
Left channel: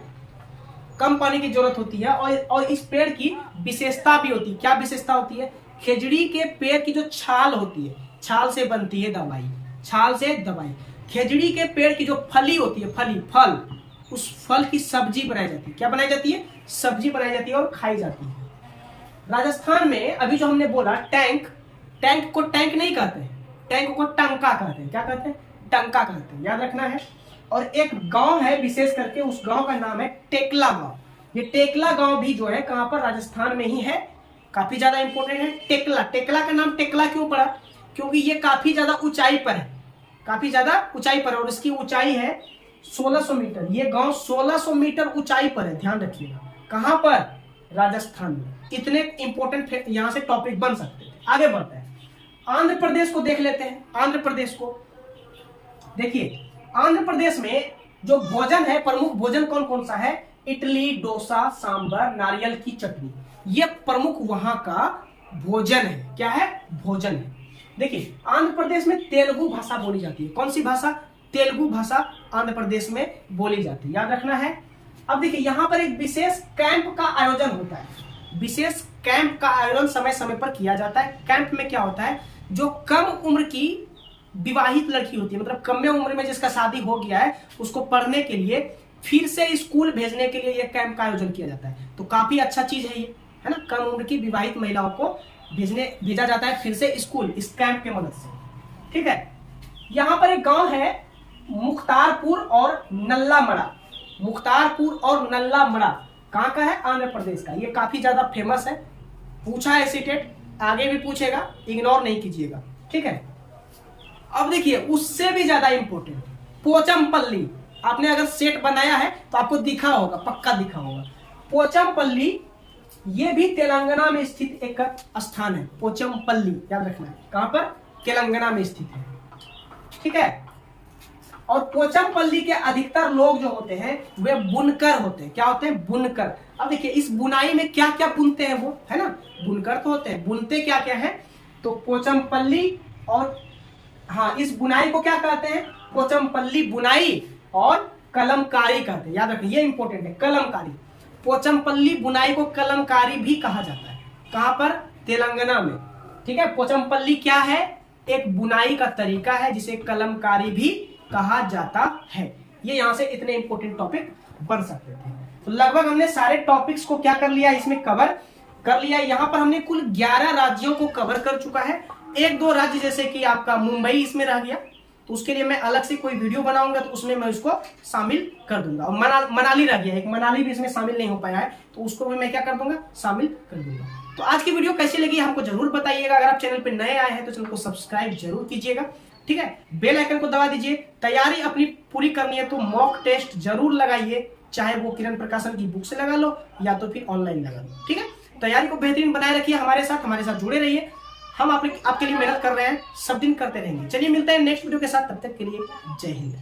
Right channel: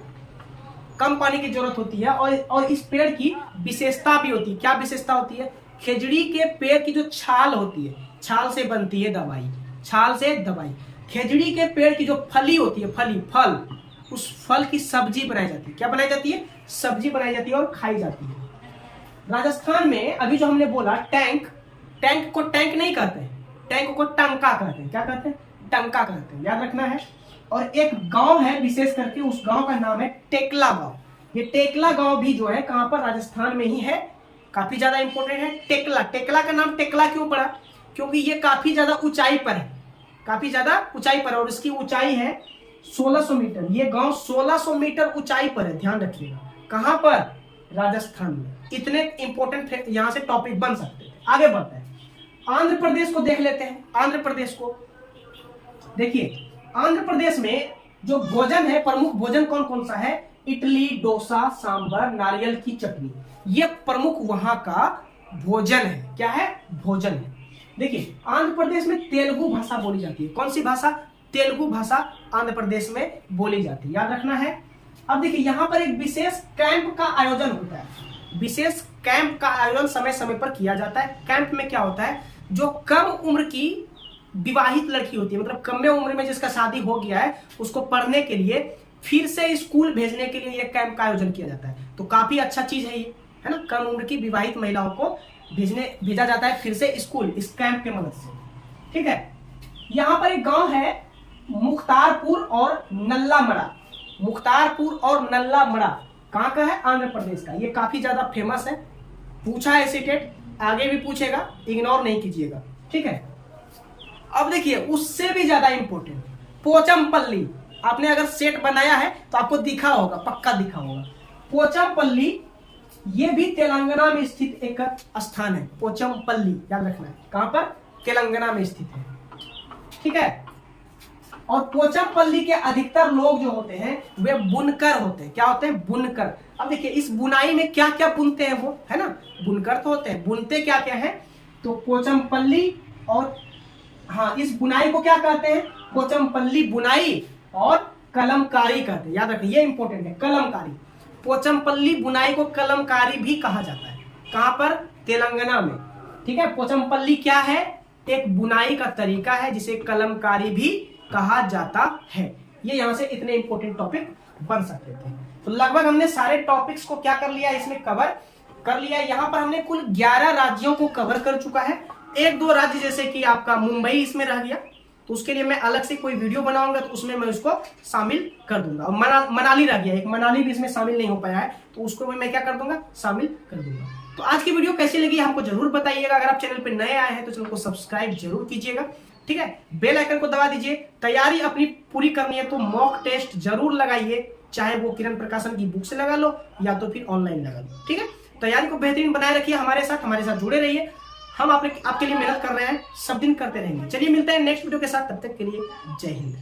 कम पानी की जरूरत होती है। और इस पेड़ की विशेषता भी होती है। क्या विशेषता होती है? खेजड़ी के पेड़ की जो छाल होती है, छाल से बनती है दवाई, छाल से दवाई। खेजड़ी के पेड़ की जो फली होती है, फल, उस फल की सब्जी बनाई जाती है। क्या बनाई जाती है? सब्जी बनाई जाती है और खाई जाती है। राजस्थान में अभी जो हमने बोला टैंक, टैंक को टैंक नहीं कहते हैं, टैंक को टंका कहते हैं। क्या कहते हैं? टंका कहते हैं, याद रखना है। और एक गांव है विशेष करके, उस गांव का नाम है टेकला गांव। ये टेकला गांव भी जो है कहां पर? राजस्थान में ही है, काफी ज्यादा इंपॉर्टेंट है। टेकला, टेकला का नाम टेकला क्यों पड़ा? क्योंकि ये काफी ज्यादा ऊंचाई पर है, काफी ज्यादा ऊंचाई पर, और इसकी ऊंचाई है 1600 मीटर। ये गांव 1600 मीटर ऊंचाई पर है, ध्यान रखिएगा। कहां पर? राजस्थान में। इतने इंपॉर्टेंट यहां से टॉपिक बन सकते थे। आगे बढ़ते हैं, आंध्र प्रदेश को देख लेते हैं। आंध्र प्रदेश को देखिए, आंध्र प्रदेश में जो भोजन है, प्रमुख भोजन कौन कौन सा है? इडली, डोसा, सांबर, नारियल की चटनी, ये प्रमुख वहां का भोजन है। क्या है? भोजन है। देखिए, आंध्र प्रदेश में तेलुगु भाषा बोली जाती है। कौन सी भाषा? तेलुगु भाषा आंध्र प्रदेश में बोली जाती है, याद रखना है। अब देखिए, यहां पर एक विशेष कैंप का आयोजन होता है। विशेष कैंप का आयोजन समय समय पर किया जाता है। कैंप में क्या होता है? जो कम उम्र की विवाहित लड़की होती है, मतलब कम उम्र में जिसका शादी हो गया है, उसको पढ़ने के लिए फिर से स्कूल भेजने के लिए यह कैंप का आयोजन किया जाता है। तो काफी अच्छा चीज है ये, है ना। कम उम्र की विवाहित महिलाओं को भेजा जाता है फिर से स्कूल, इस कैंप के मदद से। ठीक है, यहां पर एक गांव है मुख्तारपुर और नल्लामड़ा। मुख्तारपुर और नल्लामड़ा कहां का है? आंध्र प्रदेश का। ये काफी ज्यादा फेमस है, पूछा है सीटेट, आगे भी पूछेगा, इग्नोर नहीं कीजिएगा। ठीक है, अब देखिए, उससे भी ज्यादा इंपॉर्टेंट पोचमपल्ली। आपने अगर सेट बनाया है तो आपको दिखा होगा, पक्का दिखा होगा। पोचमपल्ली ये भी तेलंगाना में स्थित एक स्थान है। पोचमपल्ली याद रखना है, कहां पर? तेलंगाना में स्थित है। ठीक है, और पोचमपल्ली के अधिकतर लोग जो होते हैं वे बुनकर होते हैं। क्या होते हैं? बुनकर। अब देखिए, इस बुनाई में क्या क्या बुनते हैं वो, है ना। बुनकर तो होते हैं, बुनते क्या क्या है? तो पोचमपल्ली और हाँ, इस बुनाई को क्या कहते हैं? पोचमपल्ली बुनाई और कलमकारी कहते हैं। याद रखें, ये इंपॉर्टेंट है, कलमकारी। पोचमपल्ली बुनाई को कलमकारी भी कहा जाता है। कहां पर? तेलंगाना में। ठीक है, पोचमपल्ली क्या है? एक बुनाई का तरीका है जिसे कलमकारी भी कहा जाता है। ये यहां से इतने इंपॉर्टेंट टॉपिक बन सकते थे। तो लगभग हमने सारे टॉपिक्स को क्या कर लिया, इसमें कवर कर लिया। यहां पर हमने कुल 11 राज्यों को कवर कर चुका है। एक दो राज्य जैसे कि आपका मुंबई इसमें रह गया, तो उसके लिए मैं अलग से कोई वीडियो बनाऊंगा, तो उसमें मैं उसको शामिल कर दूंगा। और मनाली रह गया, एक मनाली भी इसमें शामिल नहीं हो पाया है, तो उसको भी मैं क्या कर दूंगा? शामिल कर दूंगा। तो आज की वीडियो कैसी लगी हमको जरूर बताइएगा। अगर आप चैनल पे नए आए हैं तो चैनल को सब्सक्राइब जरूर कीजिएगा। ठीक है, बेल आइकन को दबा दीजिए। तैयारी अपनी पूरी करनी है तो मॉक टेस्ट जरूर लगाइए, चाहे वो किरण प्रकाशन की बुक से लगा लो या तो फिर ऑनलाइन लगा लो। ठीक है, तैयारी को बेहतरीन बनाए रखिए, हमारे साथ जुड़े रहिए। हम आपके लिए मेहनत कर रहे हैं, सब दिन करते रहेंगे। चलिए मिलते हैं नेक्स्ट वीडियो के साथ, तब तक के लिए जय हिंद।